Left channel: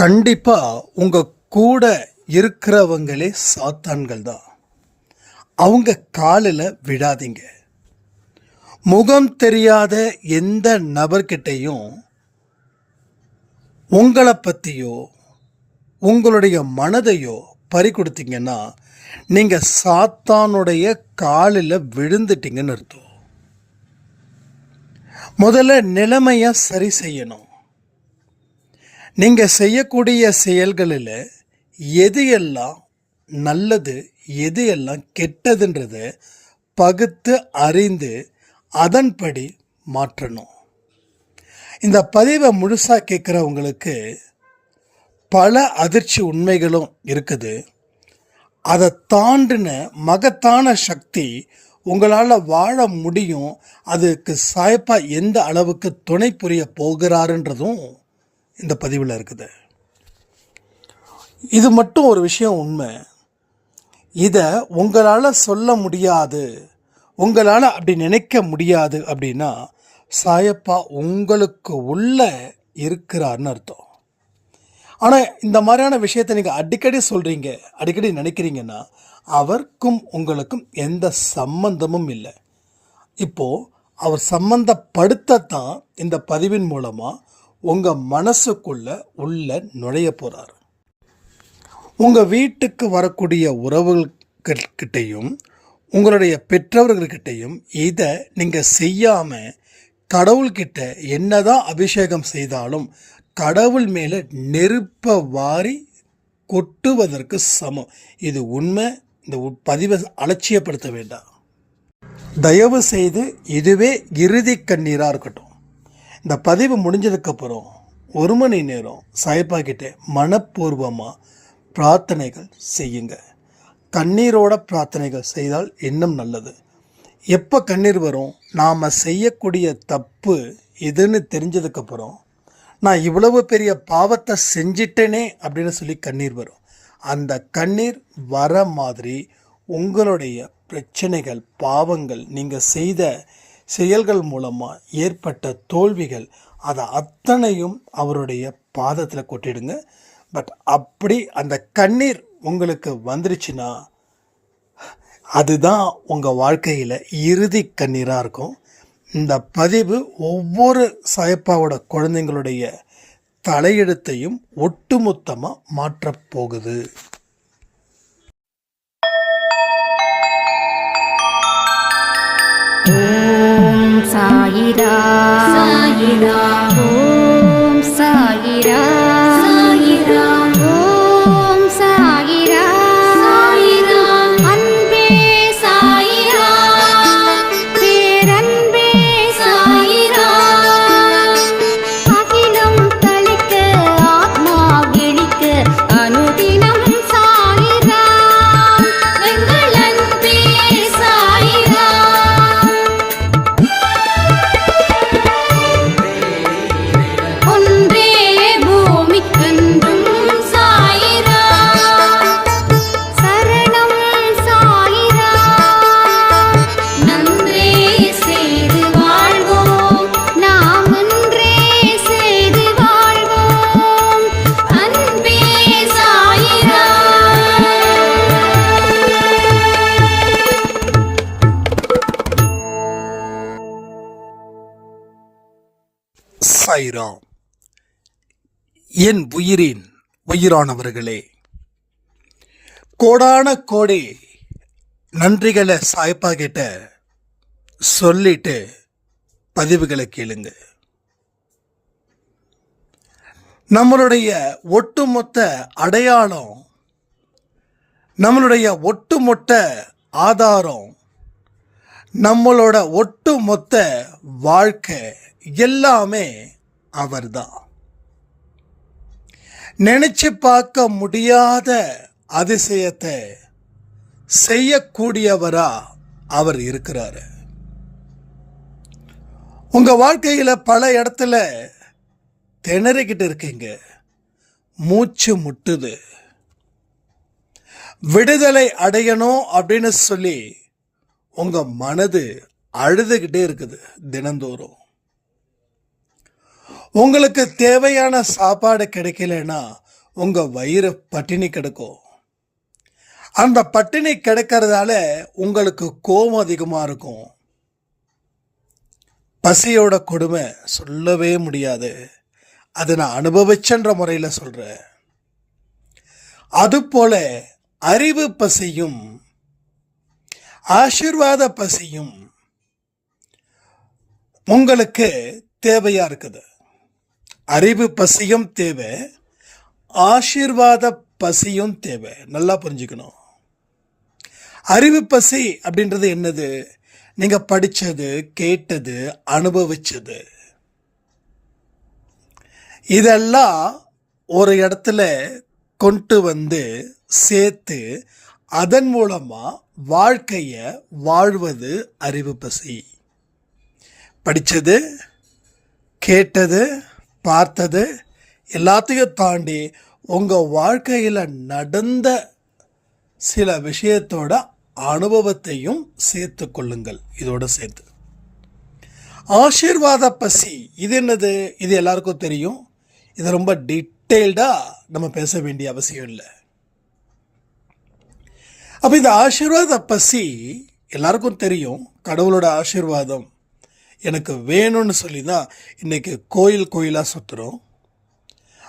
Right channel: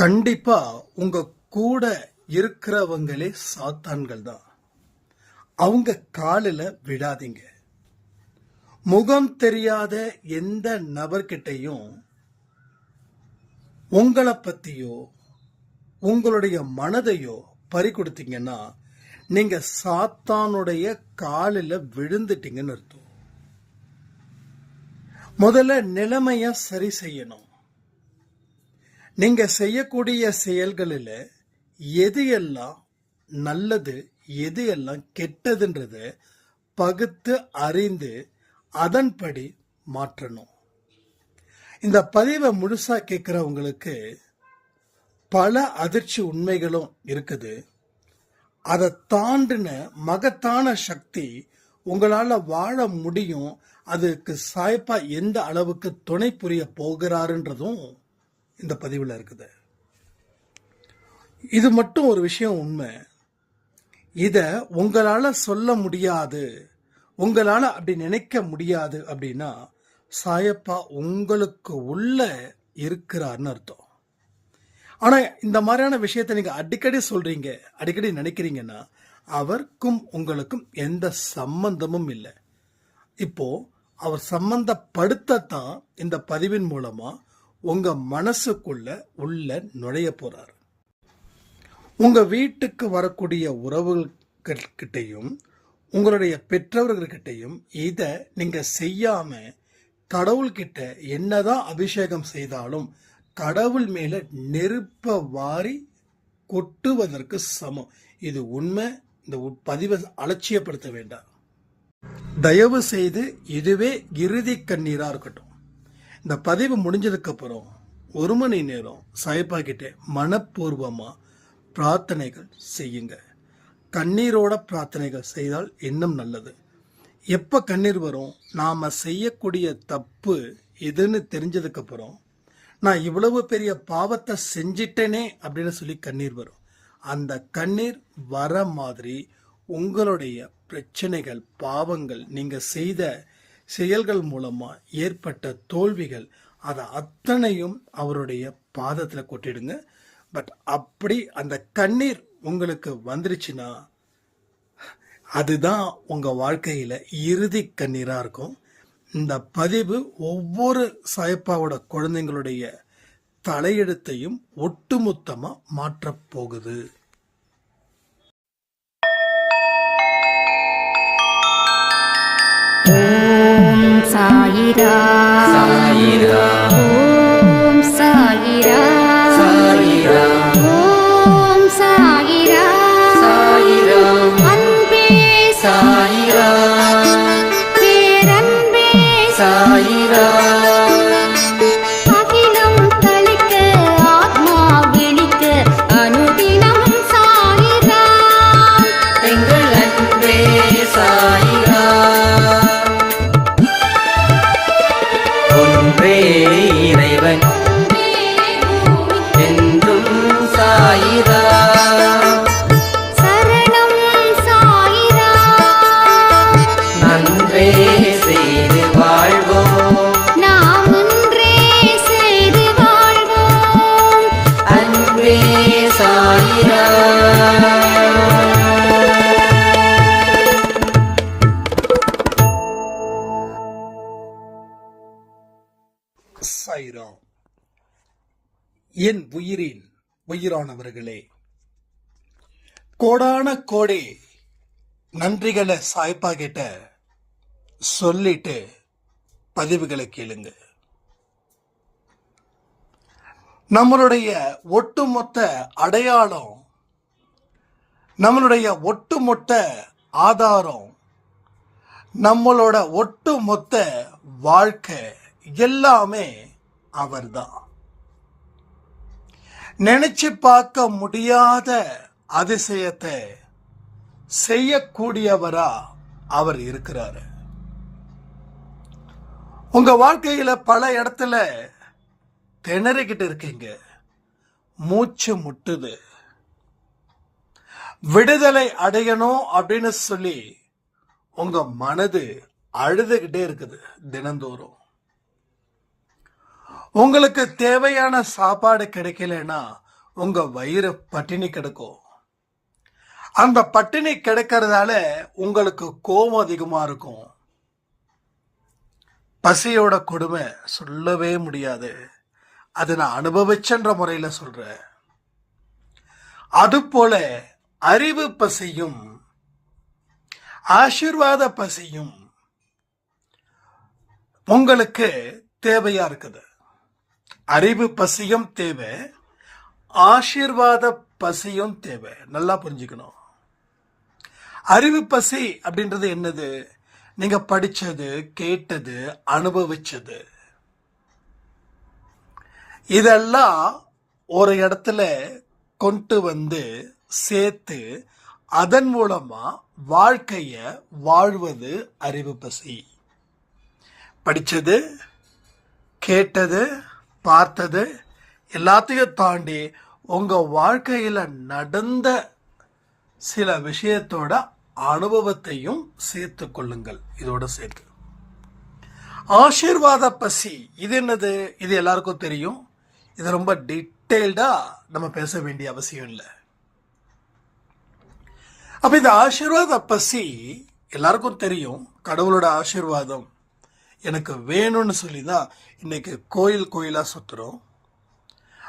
கண்டிப்பா உங்க கூட இருக்கிறவங்களே சாத்தான்கள் தான். அவங்க காலில் விழாதீங்க. முகம் தெரியாத எந்த நபர்கிட்டையும் உங்களை பற்றியோ உங்களுடைய மனதையோ பறி கொடுத்தீங்கன்னா நீங்கள் சாத்தானுடைய காலில் விழுந்துட்டீங்கன்னு அர்த்தம். முதல்ல நிலைமையை சரி செய்யணும். நீங்கள் செய்யக்கூடிய செயல்களில் எது எல்லாம் நல்லது எது எல்லாம் கெட்டதுன்றத பகுத்து அறிந்து அதன்படி மாற்றணும். இந்த பதிவை முழுசாக கேட்குறவங்களுக்கு பல அதிர்ச்சி உண்மைகளும் இருக்குது. அதை தாண்டின மகத்தான சக்தி உங்களால் வாழ முடியும். அதுக்கு சாய்ப்பா எந்த அளவுக்கு துணை புரிய போகிறாருன்றதும் இந்த பதிவில் இருக்குது. இது மட்டும் ஒரு விஷயம் உண்மை. இதை உங்களால் சொல்ல முடியாது, உங்களால் அப்படி நினைக்க முடியாது அப்படின்னா சாயப்பா உங்களுக்கு உள்ள இருக்கிறார்னு அர்த்தம். ஆனால் இந்த மாதிரியான விஷயத்தை நீங்கள் அடிக்கடி சொல்கிறீங்க, அடிக்கடி நினைக்கிறீங்கன்னா அவருக்கும் உங்களுக்கும் எந்த சம்பந்தமும் இல்லை. இப்போது அவர் சம்பந்தப்படுத்தத்தான் இந்த பதிவின் மூலமாக உங்கள் மனசுக்குள்ள உள்ள நுழைய போகிறார். உங்கள் வீட்டுக்கு வரக்கூடிய உறவுகள்கிட்டையும் உங்களுடைய பெற்றவர்கள்கிட்டையும் இதை நீங்கள் செய்யாமல் கடவுள்கிட்ட என்னதான் அபிஷேகம் செய்தாலும் கடவுள் மேலே நெருப்பை வாரி கொட்டுவதற்கு சமம். இது உண்மை. இந்த பதிவை அலட்சியப்படுத்த வேண்டாம். தயவு செய்து இதுவே இறுதி கண்ணீராக இருக்கட்டும். இந்த பதிவு முடிஞ்சதுக்கப்புறம் 1 மணி நேரம் சாய்ப்பா கிட்ட மனப்பூர்வமாக பிரார்த்தனைகள் செய்யுங்க. கண்ணீரோட பிரார்த்தனைகள் செய்தால் இன்னும் நல்லது. எப்போ கண்ணீர் வரும்? நாம் செய்யக்கூடிய தப்பு இதுன்னு தெரிஞ்சதுக்கப்புறம் நான் இவ்வளவு பெரிய பாவத்தை செஞ்சிட்டேனே அப்படின்னு சொல்லி கண்ணீர் வரும். அந்த கண்ணீர் வர மாதிரி உங்களுடைய பிரச்சனைகள், பாவங்கள், நீங்கள் செய்த செயல்கள் மூலமாக ஏற்பட்ட தோல்விகள், அதை அத்தனையும் அவருடைய பாதத்தில் கொட்டிடுங்க. பட் அப்படி அந்த கண்ணீர் உங்களுக்கு வந்துருச்சுன்னா அதுதான் உங்கள் வாழ்க்கையில் இறுதி கண்ணீராக இருக்கும். இந்த பதிவு ஒவ்வொரு சாயப்பாவோட குழந்தைங்களுடைய தலையெழுத்தையும் ஒட்டுமொத்தமாக மாற்றப் போகுது. ஓம் சாயிரா சாயிரா, ஓம் சாயிரா சாயிரா, ஓம் சாயிரா சாயிரா, அன்பே சாயிரா, பேரன்பே சாயிரா, அகிலம் தளிக்க ஆத்மா விழிக்க அனுதினம் சாயிரா, எங்கள் அன்பே சாயிரா. ஒன்றே பூமிக்கென்றும் சாயிரா, சரணம் சாயிரா, நன்றே செய்து வாழ்வோம், நாம் ஒன்றே செய்து வாழ்வோம், அன்பே சாயிரா. சாய்ராம். என் உயிரின் உயிரானவர்களே, கோடான கோடி நன்றிகளை சாய்ப்பா கிட்ட சொல்லிட்டு பதிவுகளை கேளுங்க. நம்மளுடைய ஒட்டுமொத்த அடையாளம், நம்மளுடைய ஒட்டுமொத்த ஆதாரம், நம்மளோட ஒட்டுமொத்த வாழ்க்கை எல்லாமே அவர்தான். நினைச்சு பார்க்க முடியாத அதிசயத்தை செய்யக்கூடியவரா அவர் இருக்கிறாரு. உங்க வாழ்க்கையில பல இடத்துல திணறிக்கிட்டு இருக்கீங்க, மூச்சு முட்டுது, விடுதலை அடையணும் அப்படின்னு சொல்லி உங்க மனது அழுதுகிட்டே இருக்குது தினந்தோறும். உங்களுக்கு தேவையான சாப்பாடு கிடைக்கலன்னா உங்க வயிறு பட்டினி கிடக்கும். அந்த பட்டினி கிடக்கிறதால உங்களுக்கு கோபம் அதிகமாக இருக்கும். பசியோட கொடுமை சொல்லவே முடியாது. அதை நான் அனுபவிச்சன்ற முறையில் சொல்கிறேன். அதுபோல அறிவு பசியும் ஆசீர்வாத பசியும் உங்களுக்கு தேவையா இருக்குது. அறிவு பசியும் தேவை, ஆசீர்வாத பசியும் தேவை. நல்லா புரிஞ்சுக்கணும். அறிவு பசி அப்படின்றது என்னது? நீங்க படிச்சது, கேட்டது, அனுபவிச்சது, இதெல்லாம் ஒரு இடத்துல கொண்டு வந்து சேர்த்து அதன் மூலமா வாழ்க்கைய வாழ்வது அறிவு பசி. படிச்சது, கேட்டது, பார்த்தது எல்லாத்தையும் தாண்டி உங்க வாழ்க்கையில் நடந்த சில விஷயத்தோட அனுபவத்தையும் சேர்த்து கொள்ளுங்கள். இதோட சேர்த்து ஆசீர்வாத பசி, இது என்னது? இது எல்லாருக்கும் தெரியும். இது ரொம்ப டீட்டெயில்டா நம்ம பேச வேண்டிய அவசியம் இல்லை. அப்ப இந்த ஆசீர்வாத பசி எல்லாருக்கும் தெரியும். கடவுளோட ஆசீர்வாதம் எனக்கு வேணும்னு சொல்லி தான் இன்னைக்கு கோயில் கோயிலாக சுற்றுறோம்.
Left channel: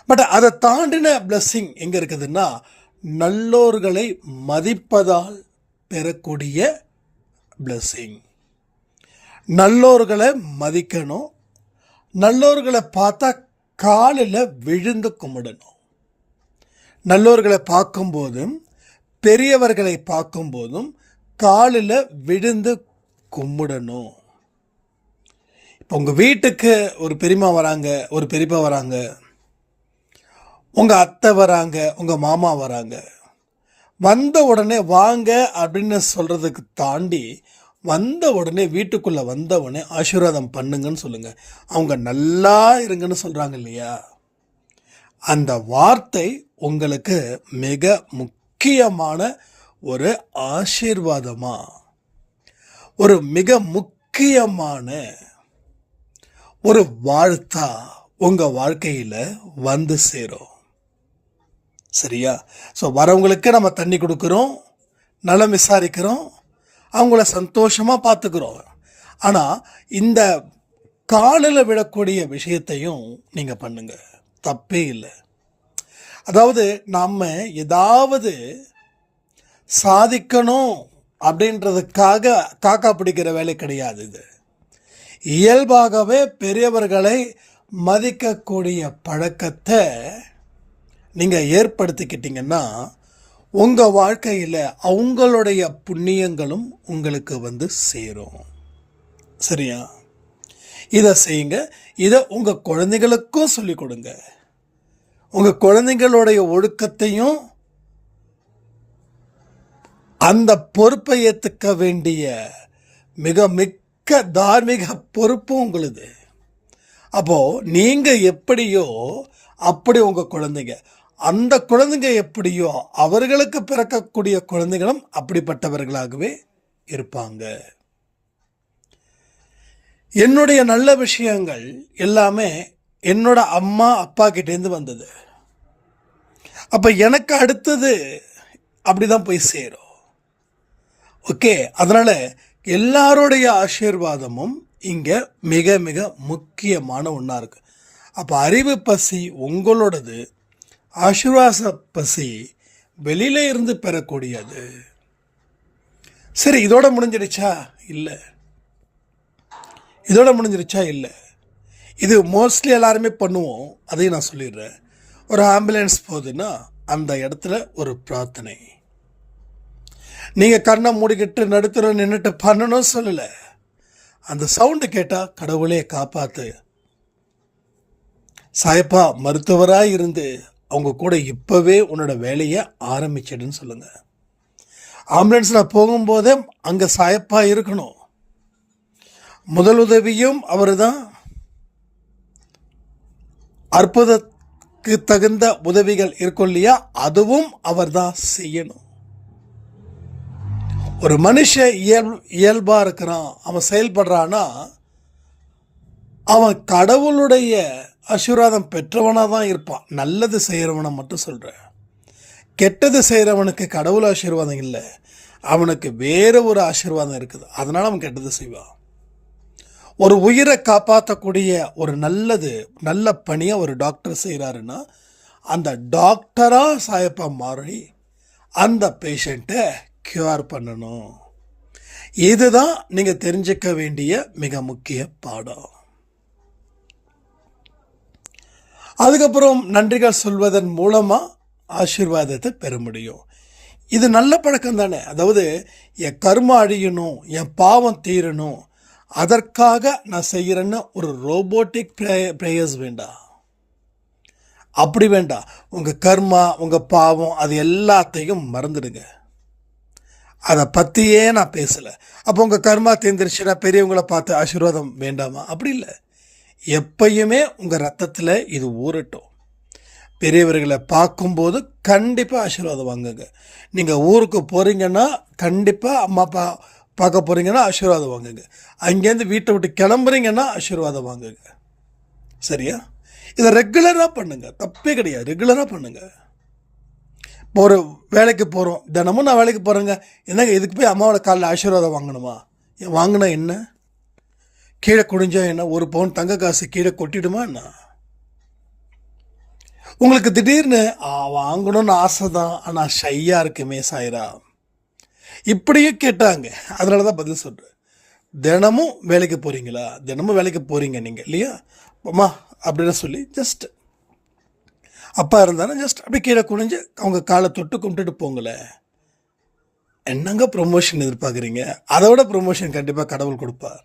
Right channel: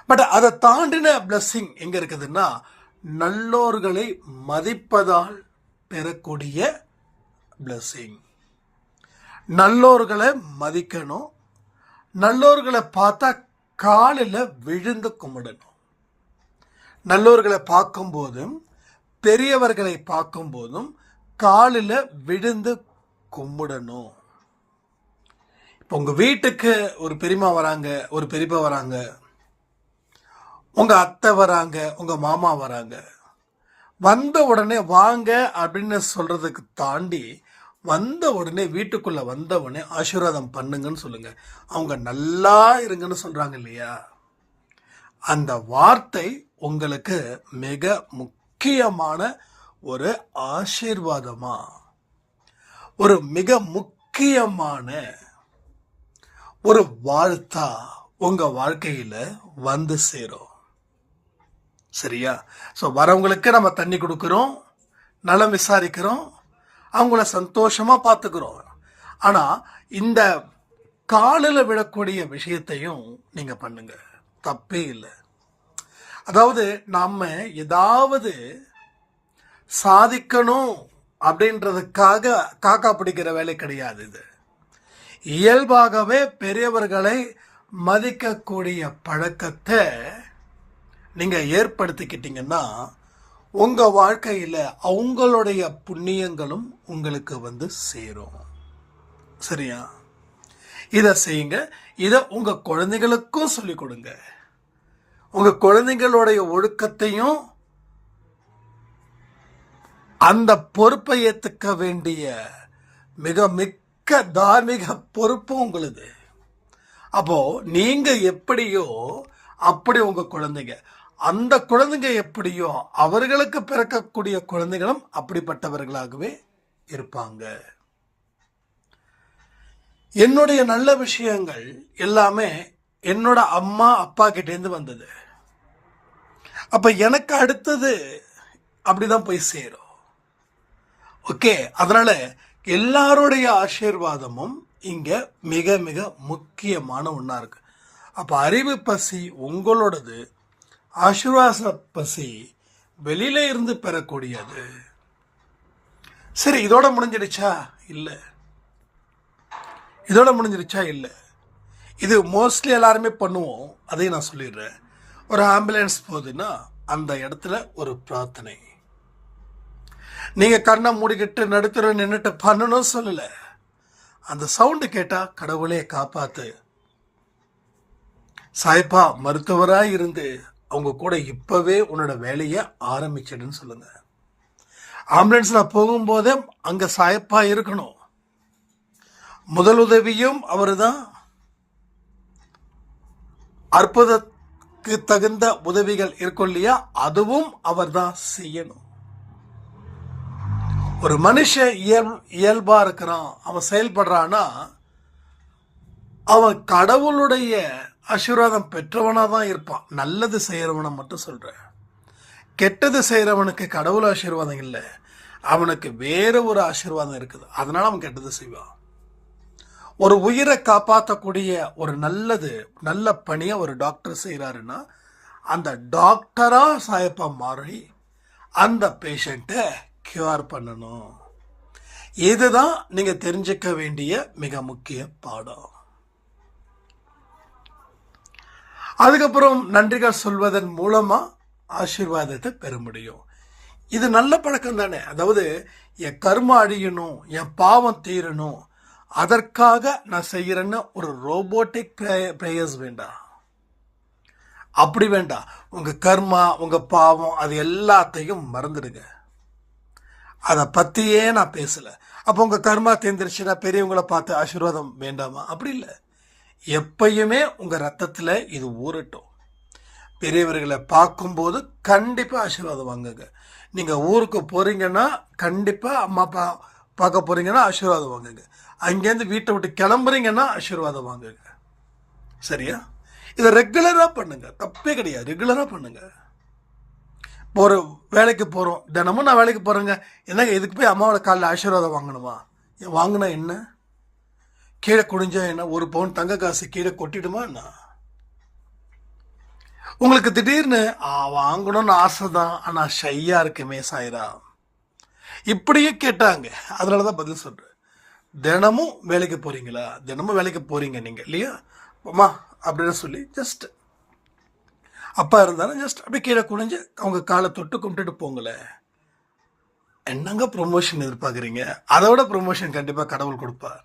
பட் அதை தாண்டின பிளஸ்ஸிங் எங்கே இருக்குதுன்னா, நல்லோர்களை மதிப்பதால் பெறக்கூடிய பிளஸ்ஸிங். நல்லோர்களை மதிக்கணும். நல்லோர்களை பார்த்தா காலில் விழுந்து கும்பிடணும். நல்லோர்களை பார்க்கும்போதும் பெரியவர்களை பார்க்கும்போதும் காலில் விழுந்து கும்பிடணும். இப்போ உங்கள் வீட்டுக்கு ஒரு பெரியம்மா வராங்க, ஒரு பெரியப்பா வராங்க, உங்கள் அத்தை வராங்க, உங்கள் மாமா வராங்க. வந்த உடனே வாங்க அப்படின்னு சொல்கிறதுக்கு தாண்டி வந்த உடனே வீட்டுக்குள்ளே வந்த உடனே ஆசீர்வாதம் பண்ணுங்கன்னு சொல்லுங்கள். அவங்க நல்லா இருங்கன்னு சொல்கிறாங்க இல்லையா? அந்த வார்த்தை உங்களுக்கு மிக முக்கியமான ஒரு ஆசீர்வாதமா, ஒரு மிக முக்கியமான ஒரு வாழ்த்தா உங்கள் வாழ்க்கையில் வந்து சேரும். சரியா? ஸோ வரவங்களுக்கு நம்ம தண்ணி கொடுக்குறோம், நலம் விசாரிக்கிறோம், அவங்கள சந்தோஷமாக பார்த்துக்கிறோம். ஆனால் இந்த காலில் விடக்கூடிய விஷயத்தையும் நீங்கள் பண்ணுங்க, தப்பே இல்லை. அதாவது நம்ம ஏதாவது சாதிக்கணும் அப்படின்றதுக்காக காக்கா பிடிக்கிற வேலை கிடையாது. இது இயல்பாகவே பெரியவர்களை மதிக்கக்கூடிய பழக்கத்தை நீங்கள் ஏற்படுத்திக்கிட்டீங்கன்னா உங்கள் வாழ்க்கையில் அவங்களுடைய புண்ணியங்களும் உங்களுக்கு வந்து சேரும். சரியா? இதை செய்யுங்க. இதை உங்கள் குழந்தைகளுக்கும் சொல்லிக் கொடுங்க. உங்கள் குழந்தைங்களுடைய ஒழுக்கத்தையும் அந்த பொறுப்பை ஏற்றுக்க வேண்டிய மிக மிக்க தார்மீக பொறுப்பும் உங்களுது. அப்போது நீங்கள் எப்படியோ அப்படி உங்கள் குழந்தைங்க, அந்த குழந்தைங்க எப்படியோ அவர்களுக்கு பிறக்கக்கூடிய குழந்தைகளும் அப்படிப்பட்டவர்களாகவே இருப்பாங்க. என்னுடைய நல்ல விஷயங்கள் எல்லாமே என்னோட அம்மா அப்பா கிட்டேருந்து வந்தது. அப்போ எனக்கு அடுத்தது அப்படிதான் போய் சேரும். ஓகே, அதனால எல்லாருடைய ஆசீர்வாதமும் இங்கே மிக மிக முக்கியமான ஒன்றா இருக்கு. அப்போ அறிவு பசி உங்களோடது, ஆசீர்வாத பசி வெளியில இருந்து பெறக்கூடியது. சரி, இதோட முடிஞ்சிடுச்சா? இல்லை. இதோட முடிஞ்சிடுச்சா? இல்லை. இது மோஸ்ட்லி எல்லாருமே பண்ணுவோம். அதையும் நான் சொல்லிடுறேன். ஒரு ஆம்புலன்ஸ் போகுதுன்னா அந்த இடத்துல ஒரு பிரார்த்தனை. நீங்கள் கண்ணை மூடிக்கிட்டு நடுத்தர நின்றுட்டு பண்ணணும் சொல்லலை. அந்த சவுண்டு கேட்டால் கடவுளே காப்பாற்று, சாயப்பா மருத்துவராக இருந்து அவங்க கூட இப்போவே உன்னோட வேலையை ஆரம்பிச்சிடுன்னு சொல்லுங்கள். ஆம்புலன்ஸில் போகும்போதே அங்கே சாயப்பா இருக்கணும். முதல் உதவியும் அவர் தான். அற்புதத்துக்கு தகுந்த உதவிகள் இருக்கும் இல்லையா, அதுவும் அவர் தான் செய்யணும். ஒரு மனுஷன் இயல்பாக இருக்கிறான், அவன் செயல்படுறான்னா அவன் கடவுளுடைய ஆசீர்வாதம் பெற்றவனாக தான் இருப்பான். நல்லது செய்கிறவனை மட்டும் சொல்கிறேன். கெட்டது செய்கிறவனுக்கு கடவுள் ஆசீர்வாதம் இல்லை, அவனுக்கு வேறு ஒரு ஆசீர்வாதம் இருக்குது. அதனால் அவன் கெட்டது செய்வான். ஒரு உயிரை காப்பாற்றக்கூடிய ஒரு நல்ல பணியை ஒரு டாக்டர் செய்கிறாருன்னா அந்த டாக்டராக சாயப்பா மாறி அந்த பேஷண்ட்டை க்யூர் பண்ணணும். இதுதான் நீங்கள் தெரிஞ்சுக்க வேண்டிய மிக முக்கிய பாடம். அதுக்கப்புறம் நன்றிகள் சொல்வதன் மூலமாக ஆசீர்வாதத்தை பெற முடியும். இது நல்ல பழக்கம் தானே. அதாவது என் கர்ம அழியணும், என் பாவம் தீரணும், அதற்காக நான் செய்கிறேன்னு ஒரு ரோபோட்டிக் ப்ரேயர்ஸ் வேண்டாம். அப்படி வேண்டாம். உங்கள் கர்மா, உங்கள் பாவம், அது எல்லாத்தையும் மறந்துடுங்க. அதை பற்றியே நான் பேசலை. அப்போ உங்கள் கர்மா தேர்ந்துருச்சுன்னா பெரியவங்களை பார்த்து ஆசீர்வாதம் வேண்டாமா? அப்படி இல்லை. எப்பயுமே உங்கள் ரத்தத்தில் இது ஊறட்டும். பெரியவர்களை பார்க்கும்போது கண்டிப்பாக ஆசீர்வாதம் வாங்குங்க. நீங்கள் ஊருக்கு போகிறீங்கன்னா கண்டிப்பாக அம்மா அப்பா பார்க்க போகிறீங்கன்னா ஆசீர்வாதம் வாங்குங்க. அங்கேருந்து வீட்டை விட்டு கிளம்புறீங்கன்னா ஆசீர்வாதம் வாங்குங்க. சரியா? இதை ரெகுலராக பண்ணுங்கள், தப்பே கிடையாது. ரெகுலராக பண்ணுங்கள். இப்போ ஒரு வேலைக்கு போகிறோம், தினமும் நான் வேலைக்கு போகிறேங்க, என்னங்க இதுக்கு போய் அம்மாவோட காலில் ஆசீர்வாதம் வாங்கணுமா? வாங்கினா என்ன? கீழே குடிஞ்சா என்ன? ஒரு பவுன் தங்க காசு கீழே கொட்டிடுமா என்ன? உங்களுக்கு திடீர்னு வாங்கணும்னு ஆசை தான், ஆனால் ஷையாக இருக்குமே சாயிரா, இப்படியே கேட்டாங்க. அதனால தான் பதில் சொல்கிறேன். தினமும் வேலைக்கு போகிறீங்களா? தினமும் வேலைக்கு போகிறீங்க நீங்கள் இல்லையா? அம்மா அப்படின்னு சொல்லி ஜஸ்ட் அப்பா இருந்தாலும் ஜஸ்ட் அப்படி கீழே குனிஞ்சு அவங்க காலை தொட்டு கும்பிட்டுட்டு போங்களேன். என்னங்க ப்ரொமோஷன் எதிர்பார்க்குறீங்க? அதோட ப்ரொமோஷன் கண்டிப்பாக கடவுள் கொடுப்பார்.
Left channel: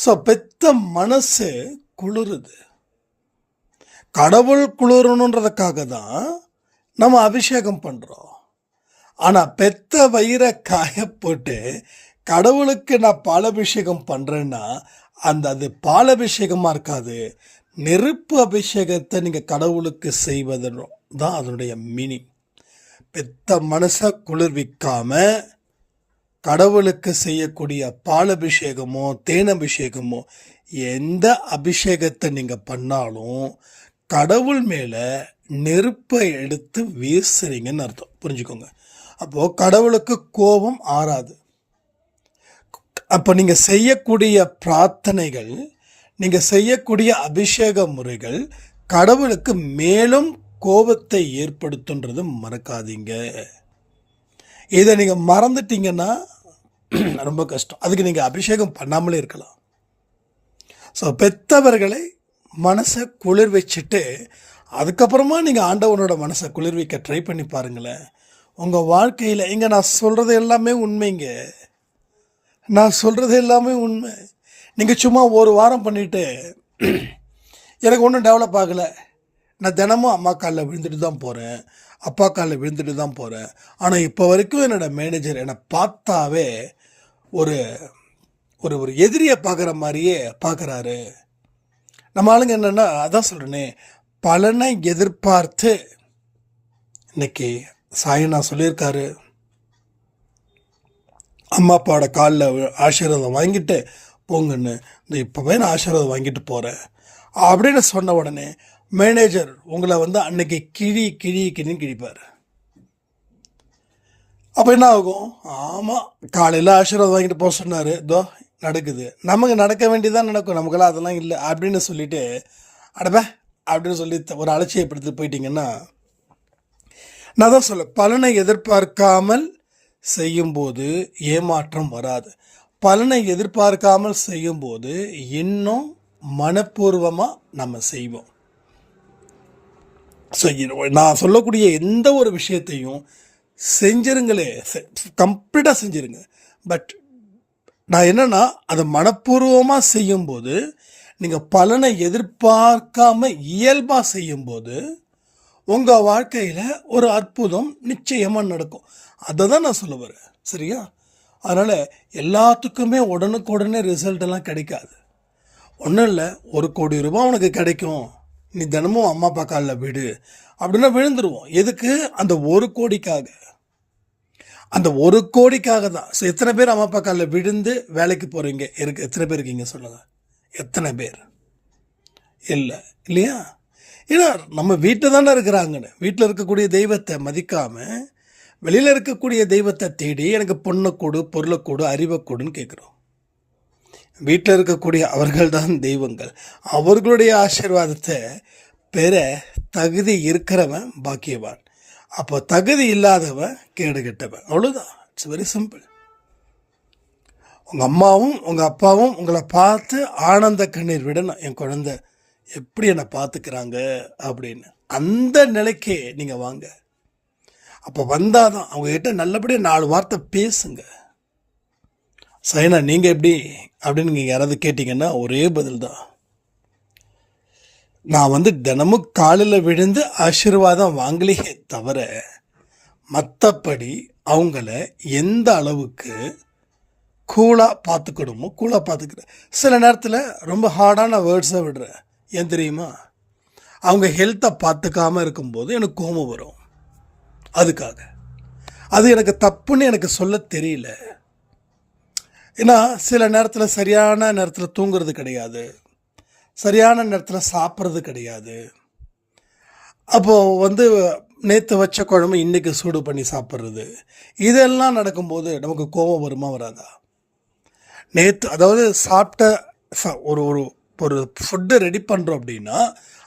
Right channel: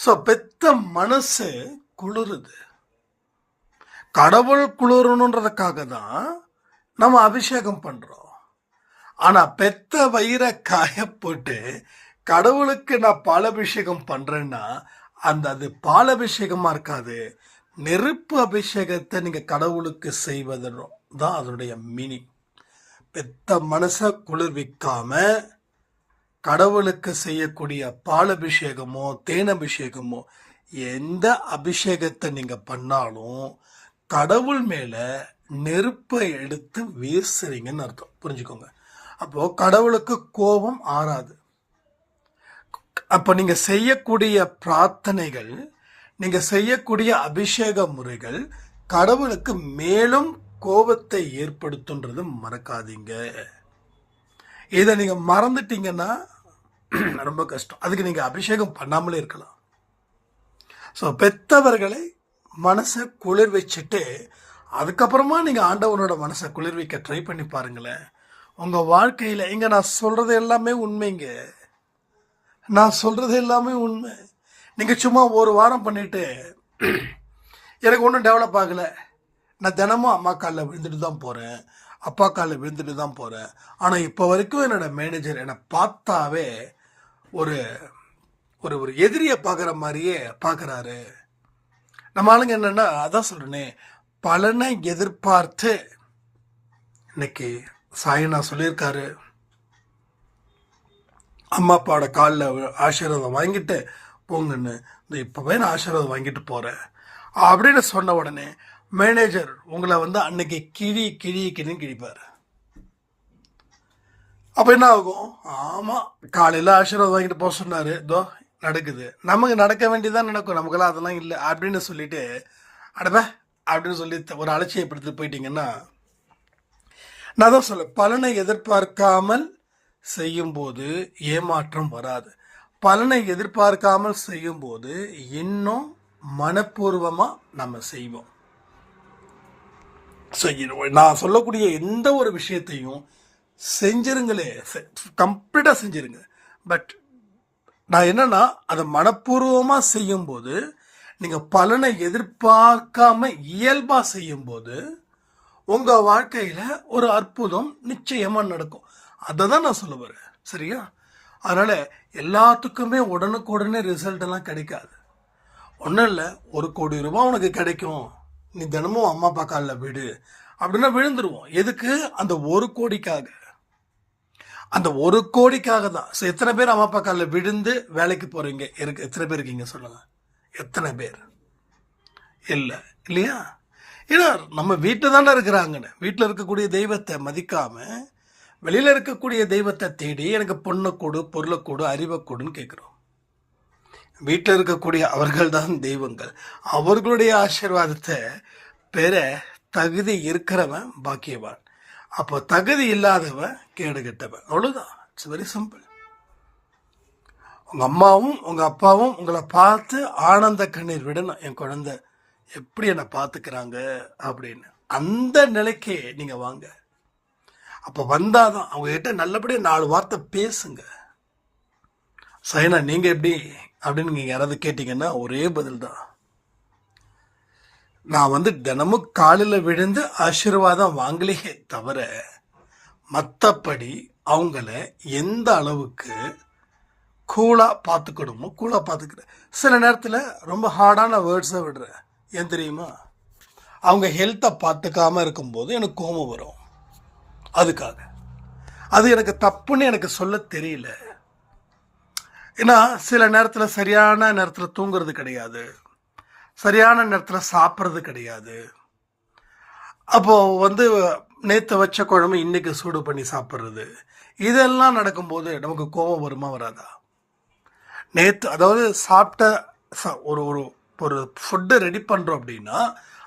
ஸோ பெத்த மனசு குளிருது. கடவுள் குளிரணுன்றதுக்காக தான் நம்ம அபிஷேகம் பண்ணுறோம். ஆனால் பெத்த வயிறை காய போட்டு கடவுளுக்கு நான் பாலபிஷேகம் பண்ணுறேன்னா அது பாலபிஷேகமாக இருக்காது. நெருப்பு அபிஷேகத்தை நீங்கள் கடவுளுக்கு செய்வதன் தான் அதனுடைய மீனிங். பெத்த மனசை குளிர்விக்காம கடவுளுக்கு செய்யக்கூடிய பாலபிஷேகமோ தேனபிஷேகமோ எந்த அபிஷேகத்தை நீங்கள் பண்ணாலும் கடவுள் மேலே நெருப்பை எடுத்து வீசுறீங்கன்னு அர்த்தம். புரிஞ்சுக்கோங்க. அப்போது கடவுளுக்கு கோபம் ஆறாது. அப்போ நீங்கள் செய்யக்கூடிய பிரார்த்தனைகள், நீங்கள் செய்யக்கூடிய அபிஷேக முறைகள் கடவுளுக்கு மேலும் கோபத்தை ஏற்படுத்துன்றது மறக்காதீங்க. இதை நீங்கள் மறந்துட்டீங்கன்னா ரொம்ப கஷ்டம். அதுக்கு நீங்கள் அபிஷேகம் பண்ணாமலே இருக்கலாம். ஸோ பெத்தவர்களை மனசை குளிர் வச்சுட்டு அதுக்கப்புறமா நீங்கள் ஆண்டவனோட மனசை குளிர்விக்க ட்ரை பண்ணி பாருங்களேன். உங்கள் வாழ்க்கையில் இங்கே நான் சொல்கிறது எல்லாமே உண்மைங்க. நான் சொல்கிறது எல்லாமே உண்மை. நீங்கள் சும்மா ஒரு வாரம் பண்ணிவிட்டு எனக்கு ஒன்றும் டெவலப் ஆகலை, நான் தினமும் அம்மா காலில் விழுந்துட்டு தான் போகிறேன், அப்பா காலில் விழுந்துட்டு தான் போகிறேன், ஆனால் இப்போ வரைக்கும் என்னோடய மேனேஜர் என்னை பார்த்தாவே ஒரு ஒரு ஒரு எதிரியை பார்க்குற மாதிரியே பார்க்குறாரு. நம்ம ஆளுங்க என்னென்னா அதான் சொல்கிறேனே, பலனை எதிர்பார்த்து இன்னைக்கு சாயனா சொல்லியிருக்காரு, அம்மா அப்பாவோட காலில் ஆசீர்வாதம் வாங்கிட்டு போங்கன்னு. இந்த இப்போவே நான் ஆசீர்வாதம் வாங்கிட்டு போகிறேன் அப்படின்னு சொன்ன உடனே மேனேஜர் உங்களை அன்னைக்கு கிழின்னு கிழிப்பார். அப்போ என்ன ஆகும்? ஆமாம், காலையில் ஆசீர்வாதம் வாங்கிட்டு போக சொன்னார், இதோ நடக்குது. நமக்கு நடக்க வேண்டியதான் நடக்கும், நமக்கெல்லாம் அதெல்லாம் இல்லை அப்படின்னு சொல்லிட்டு அடப்ப அப்படின்னு சொல்லி ஒரு அலட்சியப்படுத்தி போயிட்டீங்கன்னா, நான் தான் சொல்ல, பலனை எதிர்பார்க்காமல் செய்யும்போது ஏமாற்றம் வராது. பலனை எதிர்பார்க்காமல் செய்யும்போது இன்னும் மனப்பூர்வமாக நம்ம செய்வோம். ஸோ நான் சொல்லக்கூடிய எந்த ஒரு விஷயத்தையும் செஞ்சிருங்களே, கம்ப்ளீட்டாக செஞ்சிருங்க. பட் நான் என்னென்னா அதை மனப்பூர்வமாக செய்யும்போது, நீங்கள் பலனை எதிர்பார்க்காம இயல்பாக செய்யும்போது உங்கள் வாழ்க்கையில் ஒரு அற்புதம் நிச்சயமாக நடக்கும். அதை தான் நான் சொல்ல வரேன். சரியா? அதனால் எல்லாத்துக்குமே உடனுக்குடனே ரிசல்ட் எல்லாம் கிடைக்காது. ஒன்றும் இல்லை, 1 கோடி ரூபாய் உனக்கு கிடைக்கும், நீ தினமும் அம்மா அப்பா காலில் விடு அப்படின்னா விழுந்துருவோம். எதுக்கு? அந்த 1 கோடிக்காக. அந்த 1 கோடிக்காக தான். ஸோ எத்தனை பேர் அம்மா அப்பா காலில் விழுந்து வேலைக்கு போகிறீங்க? எத்தனை பேர் இருக்கீங்க சொல்லுங்கள்? எத்தனை பேர்? இல்லை இல்லையா? ஏன்னா நம்ம வீட்டில் தானே இருக்கிறாங்கன்னு, வீட்டில் இருக்கக்கூடிய தெய்வத்தை மதிக்காமல் வெளியில் இருக்கக்கூடிய தெய்வத்தை தேடி எனக்கு பொண்ணை கொடு, பொருளை கொடு, அறிவை கொடுன்னு கேட்குறோம். வீட்டில் இருக்கக்கூடிய அவர்கள் தான் தெய்வங்கள். அவர்களுடைய ஆசீர்வாதத்தை பெற தகுதி இருக்கிறவன் பாக்கியவான். அப்போ தகுதி இல்லாதவன் கேடு கெட்டவன். அவ்வளோதான். It's very simple. உங்கள் அம்மாவும் உங்கள் அப்பாவும் உங்களை பார்த்து ஆனந்த கண்ணீர் விடணும், என் குழந்தை எப்படி என்னை பார்த்துக்கிறாங்க அப்படின்னு. அந்த நிலைக்கே நீங்கள் வாங்க. அப்போ வந்தால் தான் அவங்ககிட்ட நல்லபடியாக 4 வார்த்தை பேசுங்க. சைனா நீங்கள் எப்படி அப்படின்னு நீங்கள் யாராவது கேட்டிங்கன்னா ஒரே பதில் தான். நான் தினமும் காலில் விழுந்து ஆசீர்வாதம் வாங்கலையே தவிர மற்றபடி அவங்கள எந்த அளவுக்கு கூலாக பார்த்துக்கணுமோ கூலாக பார்த்துக்கிறேன். சில நேரத்தில் ரொம்ப ஹார்டான வேர்ட்ஸை விடுறேன். ஏன் தெரியுமா? அவங்க ஹெல்த்தை பார்த்துக்காமல் இருக்கும்போது எனக்கு கோபம் வரும். அதுக்காக அது எனக்கு தப்புன்னு எனக்கு சொல்ல தெரியல. ஏன்னா சில நேரத்தில் சரியான நேரத்தில் தூங்குறது கிடையாது, சரியான நேரத்தில் சாப்பிட்றது கிடையாது. அப்போது நேற்று வச்ச குழம்பு இன்றைக்கி சூடு பண்ணி சாப்பிட்றது, இதெல்லாம் நடக்கும்போது நமக்கு கோபம் வருமா வராதா? நேற்று அதாவது சாப்பிட்ட ஒரு ஒரு ஒரு ஃபுட்டு ரெடி பண்ணுறோம் அப்படின்னா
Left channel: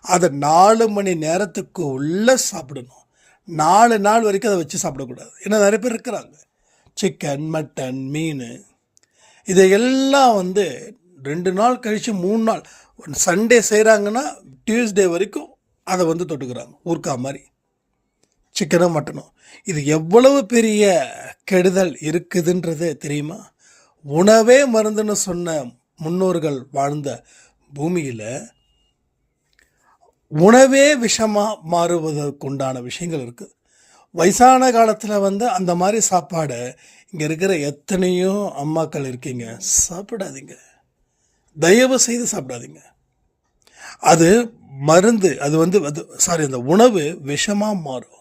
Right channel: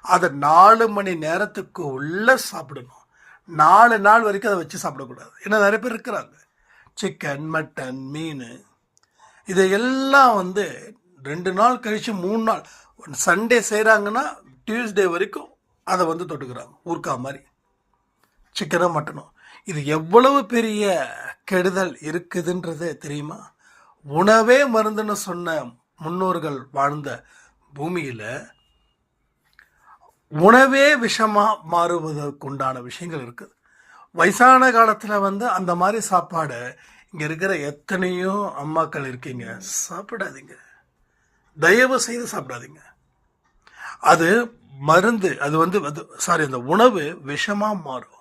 அதை 4 மணி நேரத்துக்கு உள்ளே சாப்பிடணும். 4 நாள் வரைக்கும் அதை வச்சு சாப்பிடக்கூடாது. ஏன்னா நிறைய பேர் இருக்கிறாங்க, சிக்கன், மட்டன், மீன் இதையெல்லாம் 2 நாள் கழித்து 3 நாள், சண்டே செய்கிறாங்கன்னா டியூஸ்டே வரைக்கும் அதை தொட்டுக்கிறாங்க ஊர்க்கா மாதிரி, சிக்கனும் மட்டனும். இது எவ்வளவு பெரிய கெடுதல் இருக்குதுன்றது தெரியுமா? உணவே மருந்துன்னு சொன்ன முன்னோர்கள் வாழ்ந்த பூமியில் உணவே விஷமாக மாறுவதற்குண்டான விஷயங்கள் இருக்குது. வயசான காலத்தில் அந்த மாதிரி சாப்பாடை இங்கே இருக்கிற எத்தனையோ அம்மாக்கள் இருக்கீங்க, சாப்பிடாதீங்க, தயவு செய்து சாப்பிடாதீங்க. அது மருந்து, அந்த உணவு விஷமாக மாறும்.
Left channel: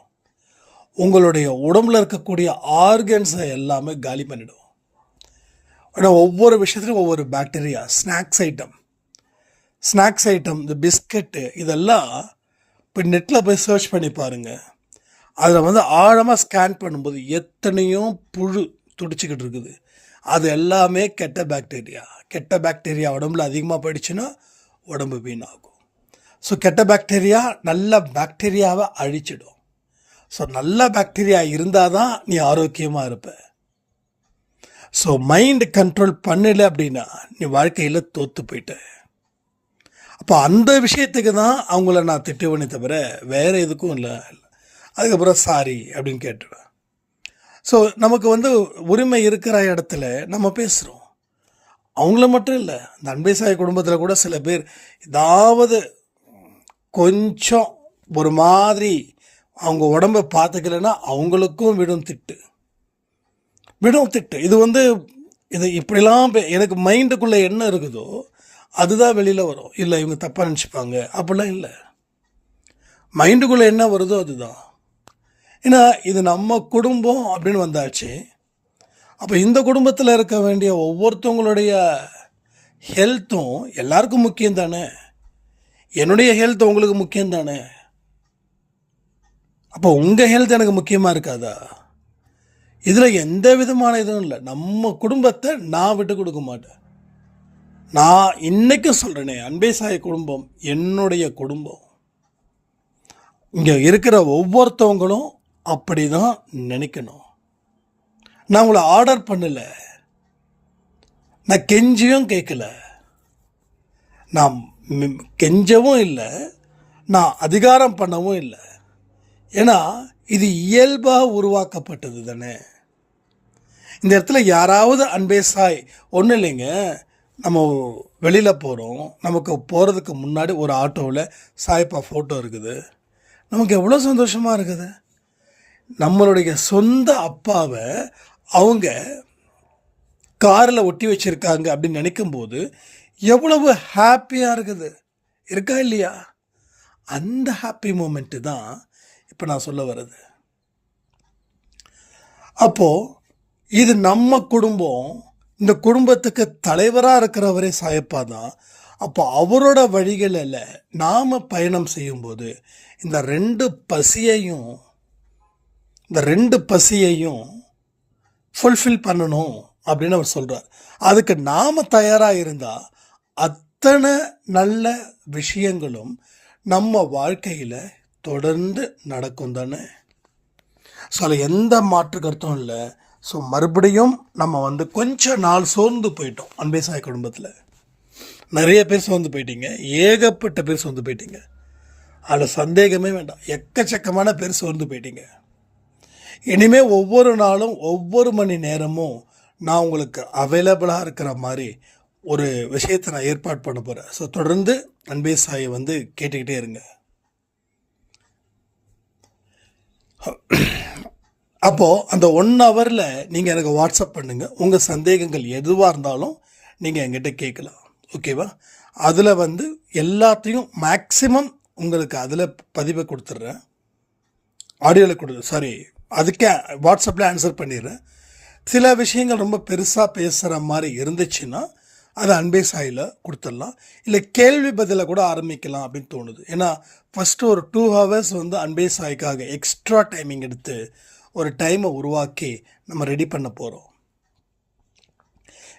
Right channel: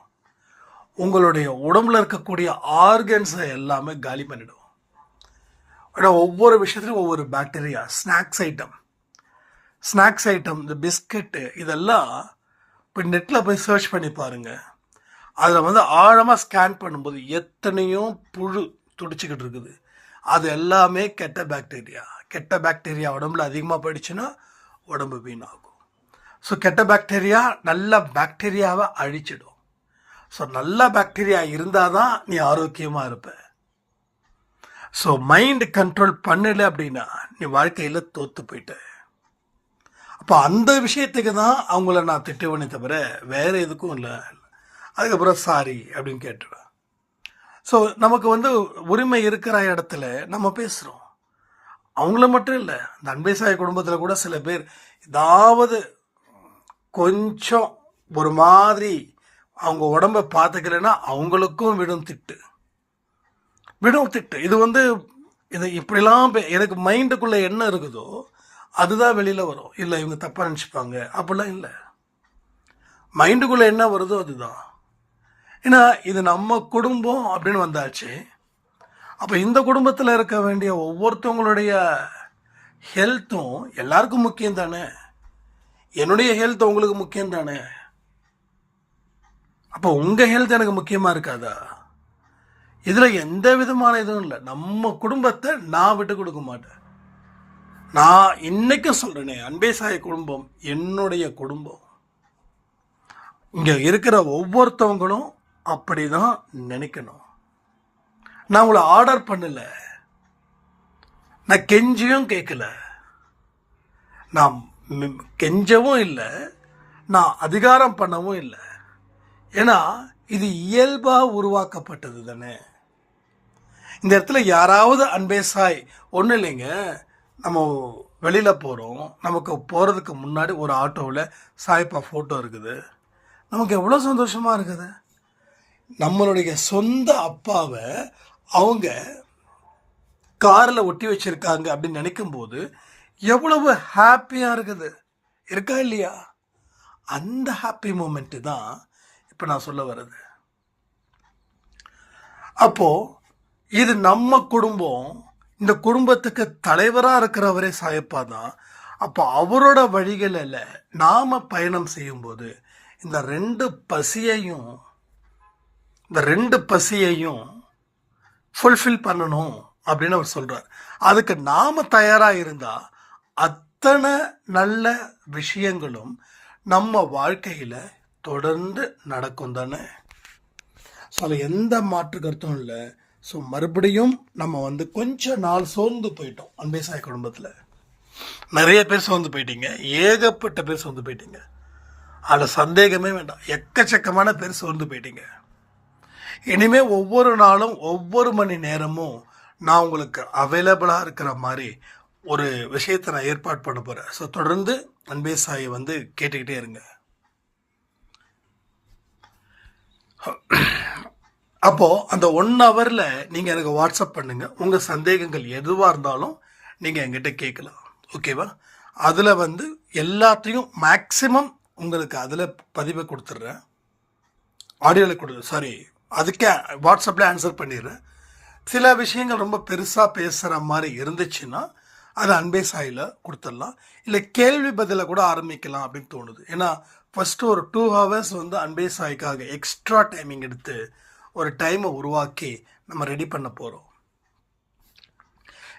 உங்களுடைய உடம்புல இருக்கக்கூடிய ஆர்கன்ஸை எல்லாமே காலி பண்ணிடும். ஆனால் ஒவ்வொரு விஷயத்துலையும் ஒவ்வொரு பாக்டீரியா. ஸ்நாக்ஸ் ஐட்டம் இந்த பிஸ்கட்டு இதெல்லாம் இப்போ நெட்டில் போய் சர்ச் பண்ணி பாருங்கள். அதில் ஆழமாக ஸ்கேன் பண்ணும்போது எத்தனையோ புழு துடிச்சிக்கிட்டு இருக்குது. அது எல்லாமே கெட்ட பாக்டீரியா உடம்புல அதிகமாக போயிடுச்சுன்னா உடம்பு வீணாகும். ஸோ கெட்ட பாக்டீரியா நல்ல பாக்டீரியாவை அழிச்சிடும். ஸோ நல்ல பாக்டீரியா இருந்தால் தான் நீ ஆரோக்கியமாக இருப்ப. ஸோ மைண்ட் கண்ட்ரோல் பண்ணலை அப்படின்னா நீ வாழ்க்கையில் தோற்று போயிட்ட. அப்போ அந்த விஷயத்துக்கு தான் அவங்கள நான் திட்டுவேனே தவிர வேறு எதுக்கும் இல்லை. அதுக்கப்புறம் சாரி அப்படின்னு கேட்டுருவேன். ஸோ நமக்கு உரிமை இருக்கிற இடத்துல நம்ம பேசுகிறோம். அவங்கள மட்டும் இல்லை, இந்த அன்பேசாய குடும்பத்தில் கூட சில பேர் ஏதாவது கொஞ்சம் ஒரு மாதிரி அவங்க உடம்பை பார்த்துக்கலைன்னா அவங்களுக்கும் விடும் திட்டு. இது இப்படிலாம் எனக்கு மைண்டுக்குள்ளே என்ன இருக்குதோ அதுதான் வெளியில் வரும். இல்லை இவங்க தப்பாக நினச்சிப்பாங்க அப்படிலாம் இல்லை, மைண்டுக்குள்ளே என்ன வருதோ அதுதான். ஏன்னா இது நம்ம குடும்பம் அப்படின்னு வந்தாச்சு. அப்போ இந்த குடும்பத்தில் இருக்க வேண்டிய ஒவ்வொருத்தவங்களுடைய ஹெல்த்தும் எல்லாருக்கும் முக்கியம் தானே. என்னுடைய ஹெல்த் உங்களுக்கு முக்கியம் தானே. அப்போ உங்கள் ஹெல்த் எனக்கு முக்கியமாக இருக்காதா? இதில் எந்த விதமான இதுவும் இல்லை. நம்ம குடும்பத்தை நான் விட்டு கொடுக்க மாட்டேன். நான் இன்றைக்கும் சொல்கிறேனே, அன்பேசாய குடும்பம் என்னுடைய குடும்பம். இங்கே இருக்கிற ஒவ்வொருத்தவங்களும் அப்படி தான் நினைக்கணும். நான் உங்களை ஆர்டர் பண்ணலை, நான் கெஞ்சியும் கேட்கல, நான் கெஞ்சவும் இல்லை, நான் அதிகாரம் பண்ணவும் இல்லை. ஏன்னா இது இயல்பாக உருவாக்கப்பட்டது தானே. இந்த இடத்துல யாராவது அன்பேசாய் ஒன்றும் இல்லைங்க, நம்ம வெளியில் போகிறோம், நமக்கு போகிறதுக்கு முன்னாடி ஒரு ஆட்டோவில் சாய்ப்பா ஃபோட்டோ இருக்குது, நமக்கு எவ்வளோ சந்தோஷமாக இருக்குது. நம்மளுடைய சொந்த அப்பாவை அவங்க காரில் ஒட்டி வச்சுருக்காங்க அப்படின்னு நினைக்கும்போது எவ்வளவு ஹாப்பியாக இருக்குது, இருக்கா இல்லையா? அந்த ஹாப்பி மூமெண்ட்டு தான் இப்போ நான் சொல்ல வர்றது. அப்போது இது நம்ம குடும்பம். இந்த குடும்பத்துக்கு தலைவராக இருக்கிறவரே சாயப்பா தான். அப்போ அவரோட வழிகளில் நாம் பயணம் செய்யும்போது இந்த ரெண்டு பசியையும் ஃபுல்ஃபில் பண்ணணும் அப்படின்னு அவர் சொல்கிறார். அதுக்கு நாம் தயாராக இருந்தால் அத்தனை நல்ல விஷயங்களும் நம்ம வாழ்க்கையில் தொடர்ந்து நடக்கும் தானே. ஸோ அதில் எந்த மாற்று கருத்தும் இல்லை. ஸோ மறுபடியும் நம்ம கொஞ்ச நாள் சோர்ந்து போயிட்டோம். அன்பே சாய் குடும்பத்தில் நிறைய பேர் சோர்ந்து போயிட்டீங்க, ஏகப்பட்ட பேர் சோர்ந்து போயிட்டீங்க. அதில் சந்தேகமே வேண்டாம், எக்கச்சக்கமான பேர் சோர்ந்து போயிட்டீங்க. இனிமேல் ஒவ்வொரு நாளும் ஒவ்வொரு மணி நேரமும் நான் உங்களுக்கு அவைலபிளாக இருக்கிற மாதிரி ஒரு விஷயத்தை நான் ஏற்பாடு பண்ண போகிறேன். ஸோ தொடர்ந்து அன்பே சாயை கேட்டுக்கிட்டே இருங்க. அப்போது அந்த 1 ஹவரில் நீங்கள் எனக்கு வாட்ஸ்அப் பண்ணுங்கள். உங்கள் சந்தேகங்கள் எதுவாக இருந்தாலும் நீங்கள் என்கிட்ட கேட்கலாம். ஓகேவா? அதில் எல்லாத்தையும் மேக்ஸிமம் உங்களுக்கு அதில் பதிவை கொடுத்துட்றேன், ஆடியோவில் அதுக்கே வாட்ஸ்அப்பில் ஆன்சர் பண்ணிடுறேன். சில விஷயங்கள் ரொம்ப பெருசாக பேசுகிற மாதிரி இருந்துச்சுன்னா அதை அன்பே சாயில் கொடுத்துடலாம். இல்லை கேள்வி பதிலை கூட ஆரம்பிக்கலாம் அப்படின்னு தோணுது. ஏன்னா ஃபஸ்ட்டு ஒரு 2 ஹவர்ஸ் அன்பே சாய்க்காக எக்ஸ்ட்ரா டைமிங் எடுத்து ஒரு டைமை உருவாக்கி நம்ம ரெடி பண்ண போகிறோம்.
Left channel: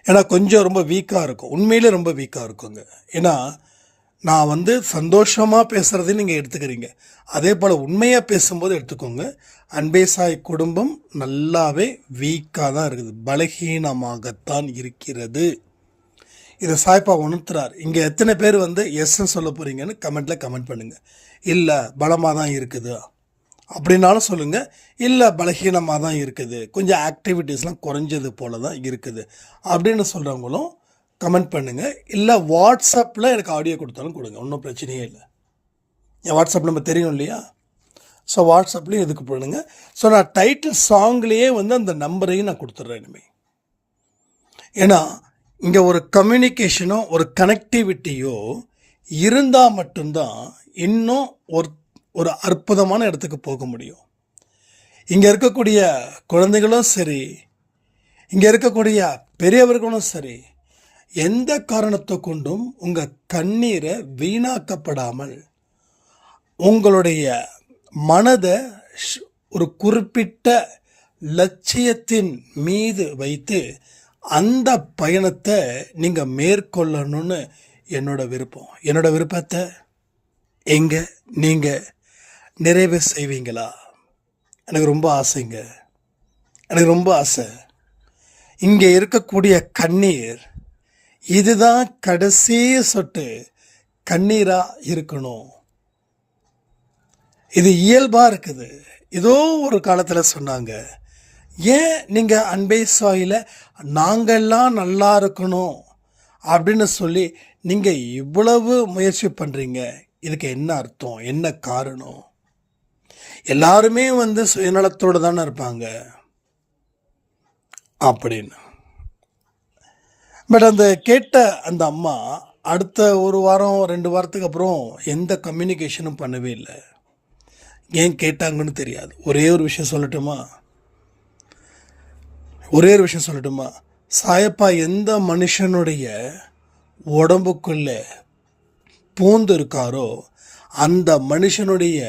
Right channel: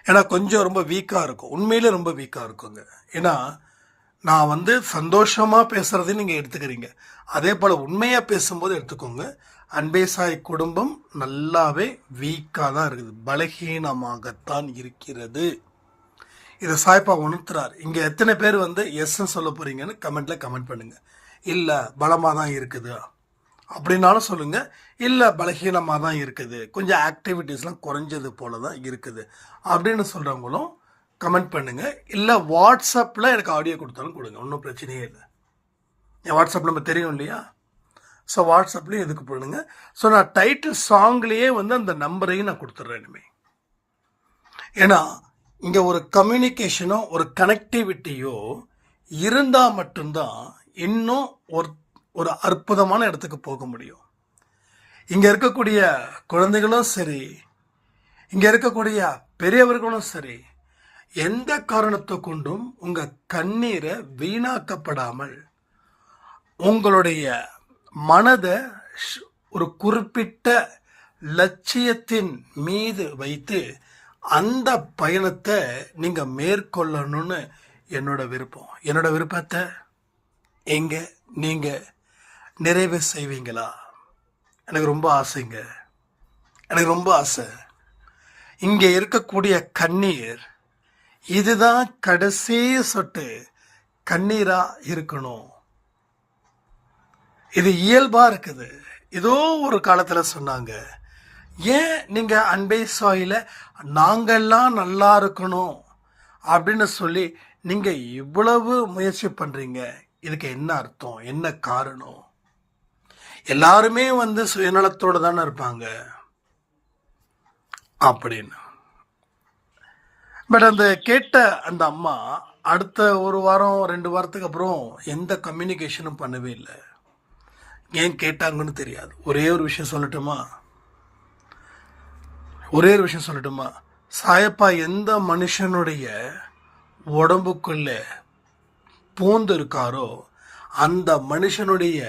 ஏன்னா கொஞ்சம் ரொம்ப வீக்காக இருக்கும், உண்மையிலே ரொம்ப வீக்காக இருக்குங்க. ஏன்னா நான் சந்தோஷமாக பேசுகிறதையும் நீங்கள் எடுத்துக்கிறீங்க, அதே போல் உண்மையாக பேசும்போது எடுத்துக்கோங்க. அன்பே சாய் குடும்பம் நல்லாவே வீக்காக தான் இருக்குது, பலகீனமாகத்தான் இருக்கிறது. இதை சாய்ப்பா உணர்த்துறார். இங்கே எத்தனை பேர் எஸ்ன்னு சொல்ல போகிறீங்கன்னு கமெண்ட்டில் கமெண்ட் பண்ணுங்கள். இல்லை பலமாக தான் இருக்குது அப்படின்னாலும் சொல்லுங்கள். இல்லை பலகீனமாக தான் இருக்குது, கொஞ்சம் ஆக்டிவிட்டீஸ்லாம் குறைஞ்சது போல தான் இருக்குது அப்படின்னு சொல்கிறவங்களும் கமெண்ட் பண்ணுங்கள். இல்லை வாட்ஸ்அப்பில் எனக்கு ஆடியோ கொடுத்தாலும் கொடுங்க, ஒன்றும் பிரச்சனையே இல்லை. என் வாட்ஸ்அப் நம்பர் தெரியும் இல்லையா? ஸோ வாட்ஸ்அப்லேயும் எதுக்கு பண்ணுங்க. ஸோ நான் டைட்டில் சாங்லேயே அந்த நம்பரையும் நான் கொடுத்துட்றேன் இனிமேல். ஏன்னா இங்கே ஒரு கம்யூனிகேஷனோ ஒரு கனெக்டிவிட்டியோ இருந்தால் மட்டும்தான் இன்னும் ஒரு அற்புதமான இடத்துக்கு போக முடியும். இங்கே இருக்கக்கூடிய குழந்தைகளும் சரி, இங்கே இருக்கக்கூடிய பெரியவர்களும் சரி, எந்த காரணத்தை கொண்டும் உங்கள் கண்ணீரை வீணாக்கப்படாமல் உங்களுடைய மனதை ஒரு குறிப்பிட்ட லட்சியத்தின் மீது வைத்து அந்த பயணத்தை நீங்கள் மேற்கொள்ளணும்னு என்னோட விருப்பம். என்னோட விருப்பத்தை நீங்கள் நிறைவு செய்வீங்களா? எனக்கு ரொம்ப ஆசைங்க, எனக்கு ரொம்ப ஆசை. இங்கே இருக்கக்கூடிய கண்ணீர் இதுதான் கடைசி சொட்டு கண்ணீராக இருக்கணும். இது இயல்பாக இருக்குது. ஏதோ ஒரு காலத்தில் சொன்னாங்க, ஏன் நீங்கள் அன்பே சாயில் நாங்கள்லாம் நல்லா இருக்கணும் அப்படின்னு சொல்லி நீங்கள் இவ்வளவு முயற்சி பண்ணுறீங்க, இதுக்கு என்ன அர்த்தம், என்ன காரணம்? எல்லாருமே சுயநலத்தோடு தானே இருப்பாங்க அப்படின்னு. பட் கேட்ட அந்த அம்மா அடுத்த 1 வாரம் 2 வாரத்துக்கு அப்புறம் எந்த கம்யூனிகேஷனும் பண்ணவே இல்லை. ஏன் கேட்டாங்கன்னு தெரியாது. ஒரே ஒரு விஷயம் சொல்லட்டுமா? சாயப்பா எந்த மனுஷனுடைய உடம்புக்குள்ள பூந்து இருக்காரோ அந்த மனுஷனுடைய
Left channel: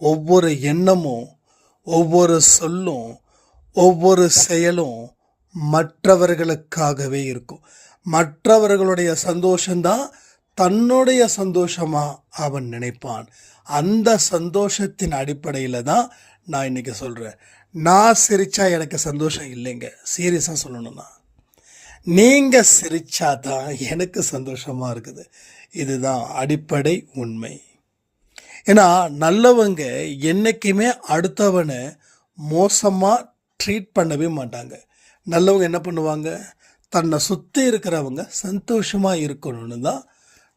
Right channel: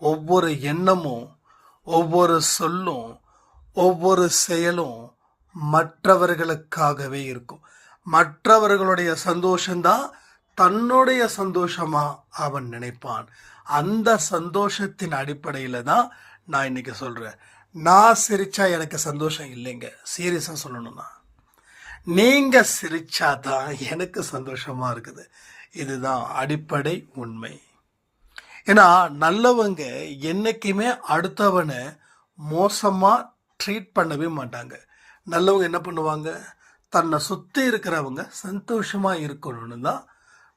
ஒவ்வொரு எண்ணமும், ஒவ்வொரு சொல்லும், ஒவ்வொரு செயலும் மற்றவர்களுக்காகவே இருக்கும். மற்றவர்களுடைய சந்தோஷம்தான் தன்னுடைய சந்தோஷமாக அவன் நினைப்பான். அந்த சந்தோஷத்தின் அடிப்படையில் தான் நான் இன்றைக்கி சொல்கிறேன். நான் சிரித்தா எனக்கு சந்தோஷம் இல்லைங்க. சீரியஸாக சொல்லணும்னா நீங்கள் சிரித்தா தான் எனக்கு சந்தோஷமாக இருக்குது. இதுதான் அடிப்படை உண்மை. ஏன்னா நல்லவங்க என்றைக்குமே அடுத்தவனை மோசமாக ட்ரீட் பண்ணவே மாட்டாங்க. நல்லவங்க என்ன பண்ணுவாங்க, தன்னை சுற்றி இருக்கிறவங்க சந்தோஷமாக இருக்கணும்னு தான்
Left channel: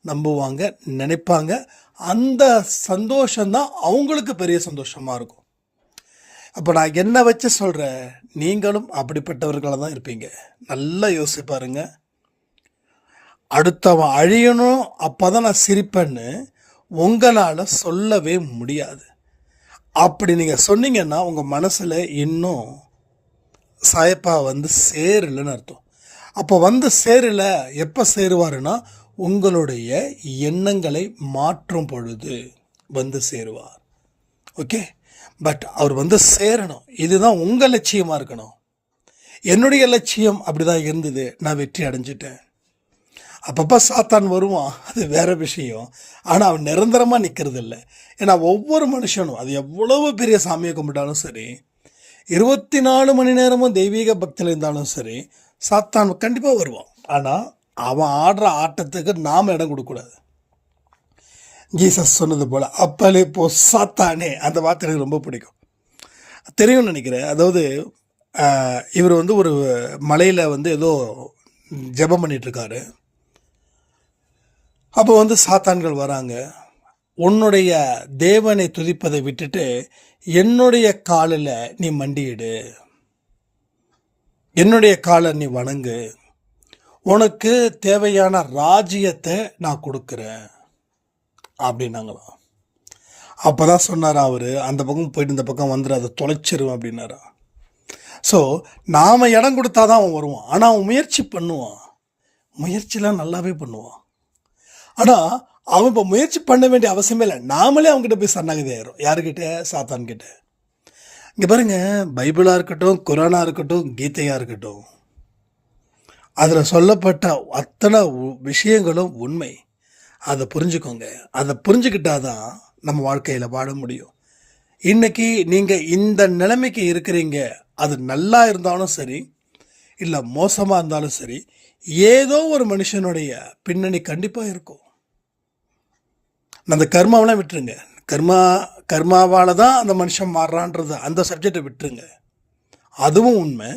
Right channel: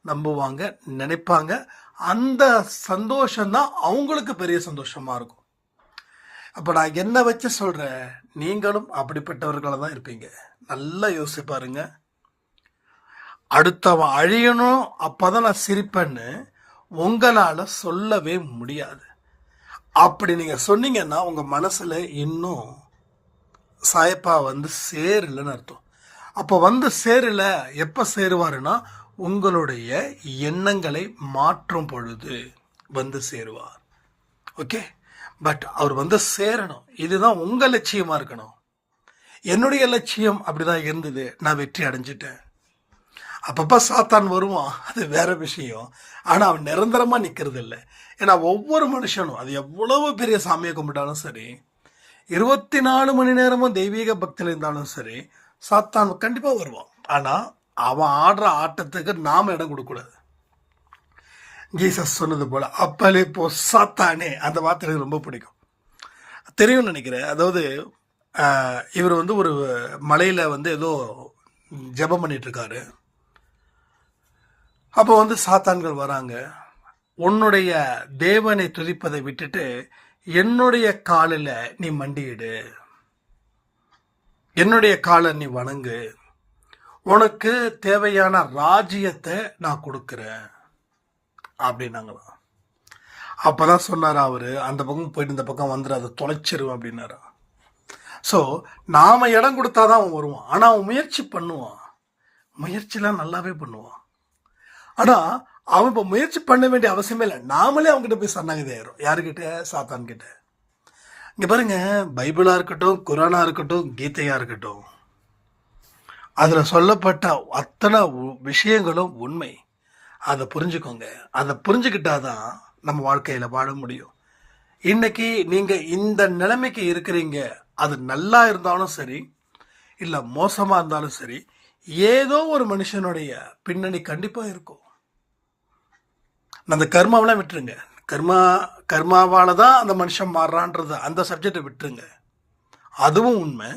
நம்புவாங்க, நினைப்பாங்க. அந்த சந்தோஷம்தான் அவங்களுக்கு பெரிய சந்தோஷமாக இருக்கும். அப்போ நான் என்ன வச்சு சொல்கிறேன், நீங்களும் அப்படிப்பட்டவர்களாக தான் இருப்பீங்க. நல்லா யோசிச்சு பாருங்க. அடுத்தவன் அழியணும் அப்போ தான் நான் சிரிப்பேன்னு உங்களால் சொல்லவே முடியாது. அப்படி நீங்கள் சொன்னீங்கன்னா உங்கள் மனசில் இன்னும் சாயப்பா சேரலைன்னு அர்த்தம். அப்போ சேரலை, எப்போ சேருவாருன்னா உங்களுடைய எண்ணங்களை மாற்றும் பொழுது வந்து சேருவார். ஓகே, பட் அவர் வந்து சேரணும். இதுதான் உங்கள் லட்சியமாக இருக்கணும். என்னுடைய லட்சியம் அப்படி தான் இருந்தது, நான் வெற்றி அடைஞ்சிட்டேன். அப்பப்போ சாத்தான் வருவான், அது வேற விஷயம். ஆனால் அவன் நிரந்தரமாக நிற்கிறது இல்லை. ஏன்னா ஒவ்வொரு மனுஷனும் அது எவ்வளவு பெரிய சாமியை கும்பிட்டாலும் சரி, 24 மணி நேரமும் தெய்வீக பக்தியில் இருந்தாலும் சரி, சாத்தான் கண்டிப்பாக வருவான். ஆனால் அவன் ஆடுற ஆட்டத்துக்கு நாம் இடம் கொடுக்கக்கூடாது. ஜீசஸ் சொன்னது போல் அப்பலே போ சாத்தானே, அந்த வார்த்தை எனக்கு ரொம்ப பிடிக்கும். தெரியும்னு நினைக்கிறேன். அதாவது இவர் வந்து ஒரு மலையில் வந்து ஏதோ ஜெபம் பண்ணிகிட்ருக்காரு. அப்போ வந்து சாத்தான்கள் வராங்க. உன்னுடைய தேவனை துதிப்பதை விட்டுட்டு என்னுடைய காலில் நீ மண்டியிடு, என்னுடைய காலை நீ வணங்கு, உனக்கு தேவையான ராஜ்யத்தை நான் கொடுக்குறேன் அப்படின்னாங்களாம். அப்போ தான் சொன்னார் அவர், அந்த பக்கம் போயிட்டு இந்த பக்கம் வந்துடு, அதை தொலைச்சிருவேன் அப்படின்னாரா. ஸோ நாம் இடம் கொடுத்தா தான் அவன் வருவான். ஆனால் அவன் முயற்சி பண்ணுவான், முயற்சிலாம் நல்லாவே பண்ணுவான். ஆனால் அவன் இப்போ முயற்சி பண்ண வேண்டிய அவசியமே இல்லை. நாமளே அவங்ககிட்ட போய் சரணாகதி ஆயிரும். யாருக்கிட்ட? சாத்தான்கிட்ட. இங்கே பாருங்கள், பைபிளாக இருக்கட்டும், குரானாக இருக்கட்டும், கீதையாக இருக்கட்டும், அதில் சொல்லப்பட்ட அத்தனை விஷயங்களும் உண்மை. அதை புரிஞ்சுக்கோங்க. அதை புரிஞ்சுக்கிட்டாதான் நம்ம வாழ்க்கையில் வாழ முடியும். இன்றைக்கி நீங்கள் இந்த நிலைமைக்கு இருக்கிறீங்க, அது நல்லா இருந்தாலும் சரி இல்லை மோசமாக இருந்தாலும் சரி, ஏதோ ஒரு மனுஷனுடைய பின்னணி கண்டிப்பாக இருக்கும். அந்த கர்மாவெலாம் விட்டுருங்க. கர்மாவால் தான் அந்த மனுஷன் மாறுறான்றது அந்த சப்ஜெக்டை விட்டுருங்க. அதுவும் உண்மை,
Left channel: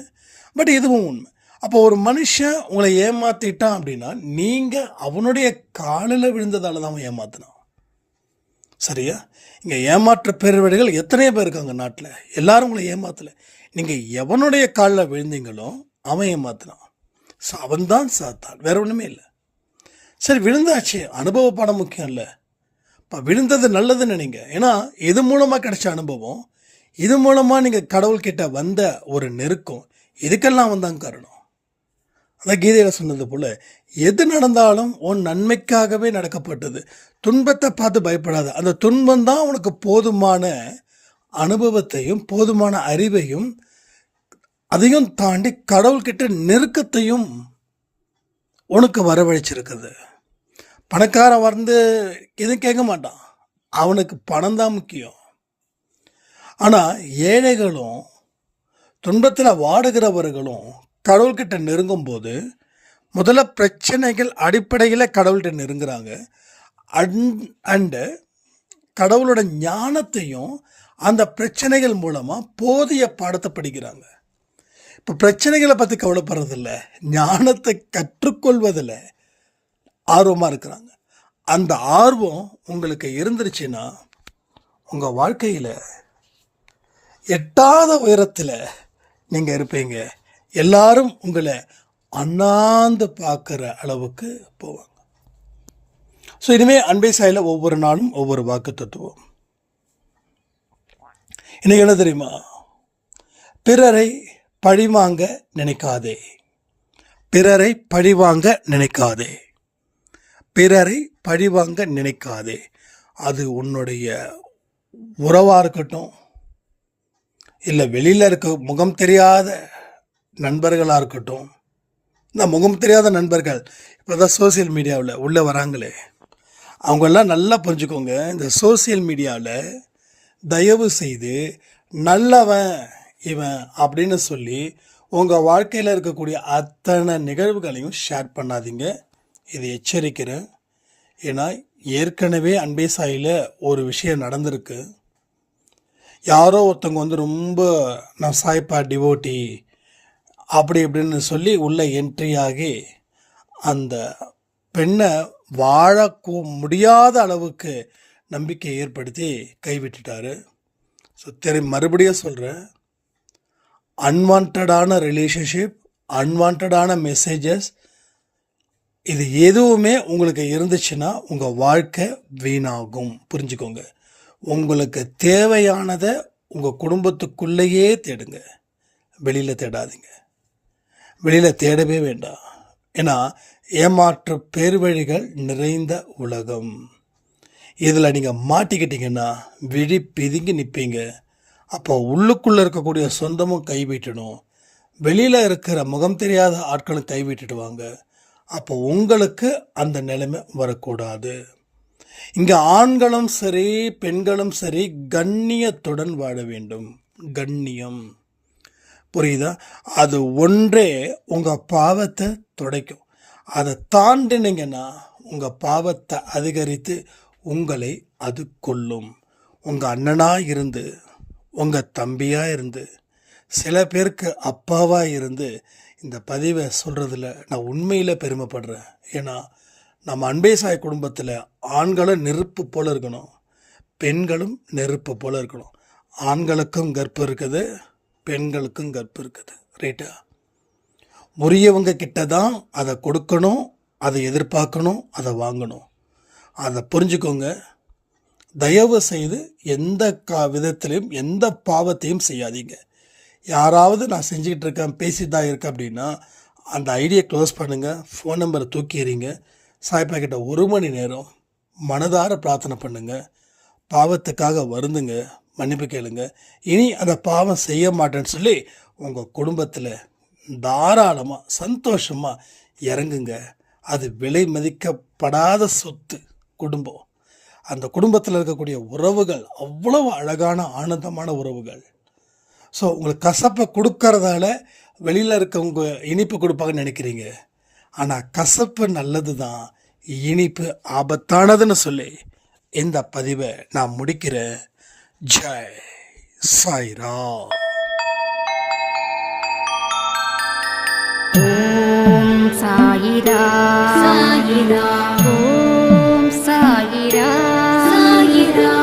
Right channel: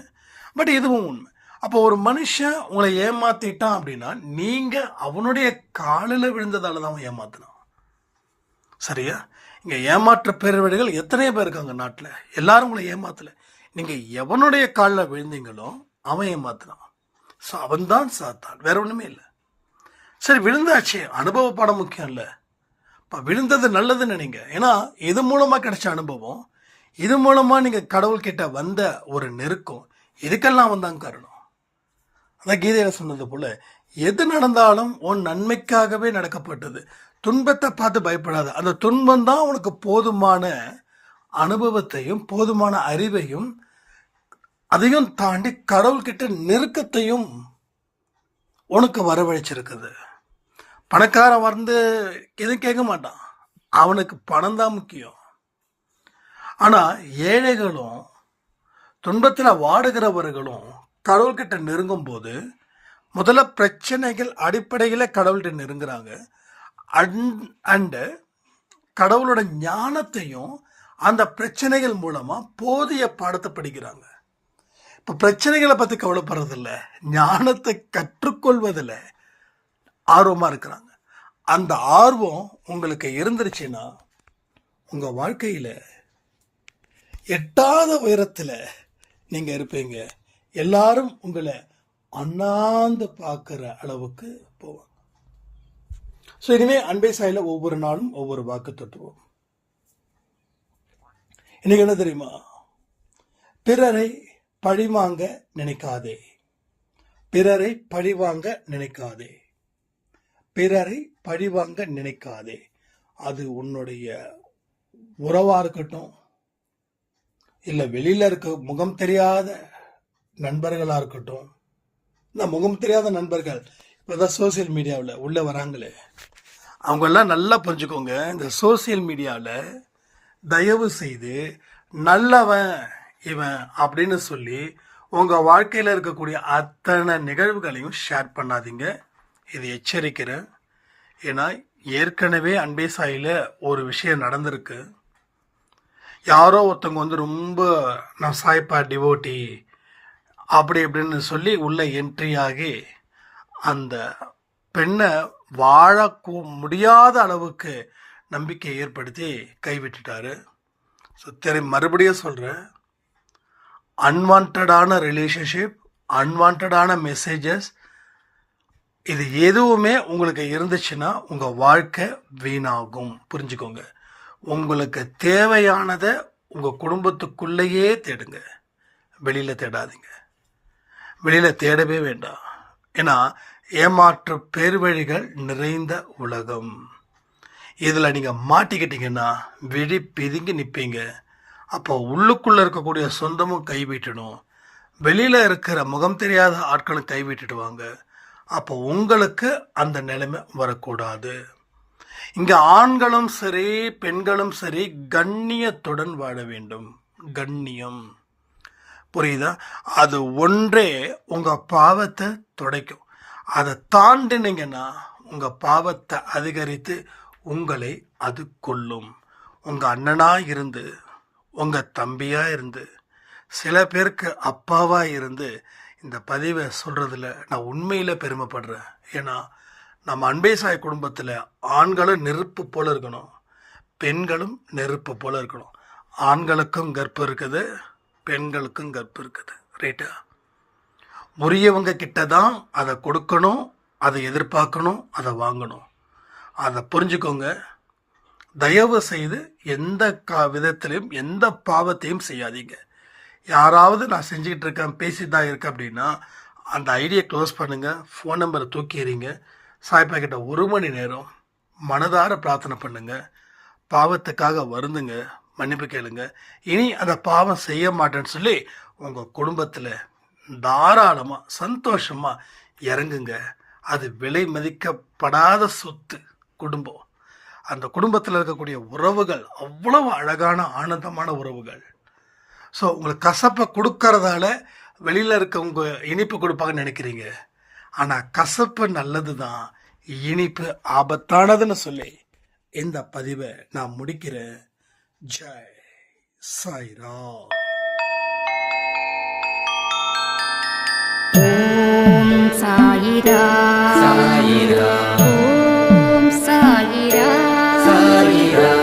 பட் இதுவும் உண்மை. அப்போ ஒரு மனுஷன் உங்களை ஏமாற்றிட்டான் அப்படின்னா நீங்கள் அவனுடைய காலில் விழுந்ததால் தான் அவன் ஏமாத்தினான். சரியா? இங்கே ஏமாற்ற பேர்வழிகள் எத்தனையோ பேர் இருக்காங்க நாட்டில். எல்லாரும் உங்களை ஏமாத்தலை. நீங்கள் எவனுடைய காலில் விழுந்தீங்களோ அவன் ஏமாத்தினான். ஸோ அவன்தான் சாத்தான், வேற ஒன்றுமே இல்லை. சரி, விழுந்தாச்சு, அனுபவ பாடம் முக்கியம் இல்லை. இப்போ விழுந்தது நல்லதுன்னு நினைங்க. ஏன்னா இது மூலமாக கிடைச்ச அனுபவம், இது மூலமாக நீங்கள் கடவுள்கிட்ட வந்த ஒரு நெருக்கம், இதுக்கெல்லாம் வந்தாங்க காரணம். அதான் கீதையில் சொன்னது போல், எது நடந்தாலும் உன் நன்மைக்காகவே நடக்கப்பட்டது. துன்பத்தை பார்த்து பயப்படாத. அந்த துன்பம் தான் உனக்கு போதுமான அனுபவத்தையும் போதுமான அறிவையும் அதையும் தாண்டி கடவுள்கிட்ட நெருக்கத்தையும் உனக்கு வரவழைச்சிருக்குது. பணக்காரன் வந்து எதுவும் கேட்க மாட்டான், அவனுக்கு பணம் தான் முக்கியம். ஆனால் ஏழைகளும் துன்பத்தில் வாடுகிறவர்களும் கடவுள்கிட்ட நெருங்கும் போது முதல்ல பிரச்சனைகள் அடிப்படையில் கடவுள்கிட்ட நெருங்குறாங்க. அண்டு கடவுளோட ஞானத்தையும் அந்த பிரச்சனைகள் மூலமாக போதிய பாடத்தை படிக்கிறாங்க. இப்போ பிரச்சனைகளை பற்றி கவலைப்படுறதில்ல, ஞானத்தை கற்றுக்கொள்வதில் ஆர்வமாக இருக்கிறாங்க. அந்த ஆர்வம் உங்களுக்கு இருந்துருச்சுன்னா உங்கள் வாழ்க்கையில் எட்டாத உயரத்தில் நீங்கள் இருப்பீங்க. எல்லாரும் உங்களை அண்ணாந்து பார்க்குற அளவுக்கு போவாங்க. ஸோ இனிமேல் அன்பை சாயில் ஒவ்வொரு நாளும் ஒவ்வொரு வாக்கு தத்துவம். இன்னைக்கு என்ன தெரியுமா? பிறரை பழிவாங்க நினைக்காதே, பிறரை பழிவாங்க நினைக்காதே, பிறரை பழிவாங்க நினைக்காதே. அது உன்னுடைய உறவாக இருக்கட்டும், இல்லை வெளியில் இருக்க முகம் தெரியாத நண்பர்களாக இருக்கட்டும். இந்த முகம் தெரியாத நண்பர்கள் இப்போ தான் சோசியல் மீடியாவில் உள்ளே வராங்களே, அவங்கெல்லாம் நல்லா புரிஞ்சுக்கோங்க. இந்த சோசியல் மீடியாவில் தயவு செய்து நல்லவன் இவன் அப்படின்னு சொல்லி உங்கள் வாழ்க்கையில் இருக்கக்கூடிய அத்தனை நிகழ்வுகளையும் ஷேர் பண்ணாதீங்க. இது எச்சரிக்கிறேன். ஏன்னா ஏற்கனவே அன்பே சாயில் ஒரு விஷயம் நடந்திருக்கு. யாரோ ஒருத்தவங்க வந்து ரொம்ப நான் சாய்ப்பா டிவோட்டி அப்படி இப்படின்னு சொல்லி உள்ளே என்ட்ரி ஆகி அந்த பெண்ணை வாழ முடியாத அளவுக்கு நம்பிக்கை ஏற்படுத்தி கைவிட்டுட்டாரு. ஸோ மறுபடியும் சொல்கிறேன், அன்வான்டான ரிலேஷன்ஷிப், அன்வான்டான மெசேஜஸ், இது எதுவுமே உங்களுக்கு இருந்துச்சுன்னா உங்கள் வாழ்க்கை வீணாகும். புரிஞ்சுக்கோங்க. உங்களுக்கு தேவையானதை உங்கள் குடும்பத்துக்குள்ளேயே தேடுங்க, வெளியில் தேடாதீங்க. வெளியில் தேடவே வேண்டாம். ஏன்னா ஏமாற்று பேர்வழிகள் நிறைந்த உலகம். இதில் நீங்கள் மாட்டிக்கிட்டீங்கன்னா விழி பிதுங்கி நிற்பீங்க. அப்போ உள்ளுக்குள்ளே இருக்கக்கூடிய சொந்தமும் கைவிட்டணும், வெளியில் இருக்கிற முகம் தெரியாத ஆட்களும் கைவிட்டுடுவாங்க. அப்போ உங்களுக்கு அந்த நிலைமை வரக்கூடாது. இங்கே ஆண்களும் சரி பெண்களும் சரி கண்ணியத்துடன் வாழ வேண்டும். கண்ணியம் புரியுதா? அது ஒன்றே உங்கள் பாவத்தை துடைக்கும். அதை தாண்டினீங்கன்னா உங்கள் பாவத்தை அதிகரித்து உங்களை அது கொல்லும். உங்கள் அண்ணனாக இருந்து, உங்கள் தம்பியாக இருந்து, சில பேருக்கு அப்பாவாக இருந்து இந்த பதிவை சொல்கிறதுல நான் உண்மையில் பெருமைப்படுறேன். ஏன்னா நம்ம அன்பே சாய் குடும்பத்தில் ஆண்களும் நெருப்பு போல் இருக்கணும், பெண்களும் நெருப்பு போல் இருக்கணும். ஆண்களுக்கும் கர்ப்பம் இருக்குது, பெண்களுக்கும் கர்ப்பம் இருக்குது. ரைட்டா? உரியவங்க கிட்ட தான் அதை கொடுக்கணும், அதை எதிர்பார்க்கணும், அதை வாங்கணும். அதை புரிஞ்சுக்கோங்க. தயவு செய்து எந்த விதத்திலையும் எந்த பாவத்தையும் செய்யாதீங்க. யாராவது நான் செஞ்சுக்கிட்டு இருக்கேன், பேசிட்டு தான் இருக்கேன் அப்படின்னா அந்த ஐடியை க்ளோஸ் பண்ணுங்கள், ஃபோன் நம்பரை தூக்கி எறிங்க. சாய்ப்பா கிட்ட 1 மணி நேரம் மனதார பிரார்த்தனை பண்ணுங்கள், பாவத்துக்காக வருந்துங்க, மன்னிப்பு கேளுங்க. இனி அந்த பாவம் செய்ய மாட்டேன்னு சொல்லி உங்கள் குடும்பத்தில் தாராளமாக சந்தோஷமாக இறங்குங்க. அது விலை மதிக்கப்படாத சொத்து குடும்பம். அந்த குடும்பத்தில் இருக்கக்கூடிய உறவுகள் அவ்வளவு அழகான ஆனந்தமான உறவுகள். ஸோ உங்களுக்கு கசப்பை கொடுக்கறதால வெளியில் இருக்கவங்க இனிப்பு கொடுப்பாங்கன்னு நினைக்கிறீங்க. ஆனால் கசப்பு நல்லது தான், இனிப்பு ஆபத்தானதுன்னு சொல்லி இந்த பதிவை நான் முடிக்கிறேன். ஜெய் சாய்ராம். ஓம் சாயிரா சாயிரா, ஓம் சாயிரா சாயிரா.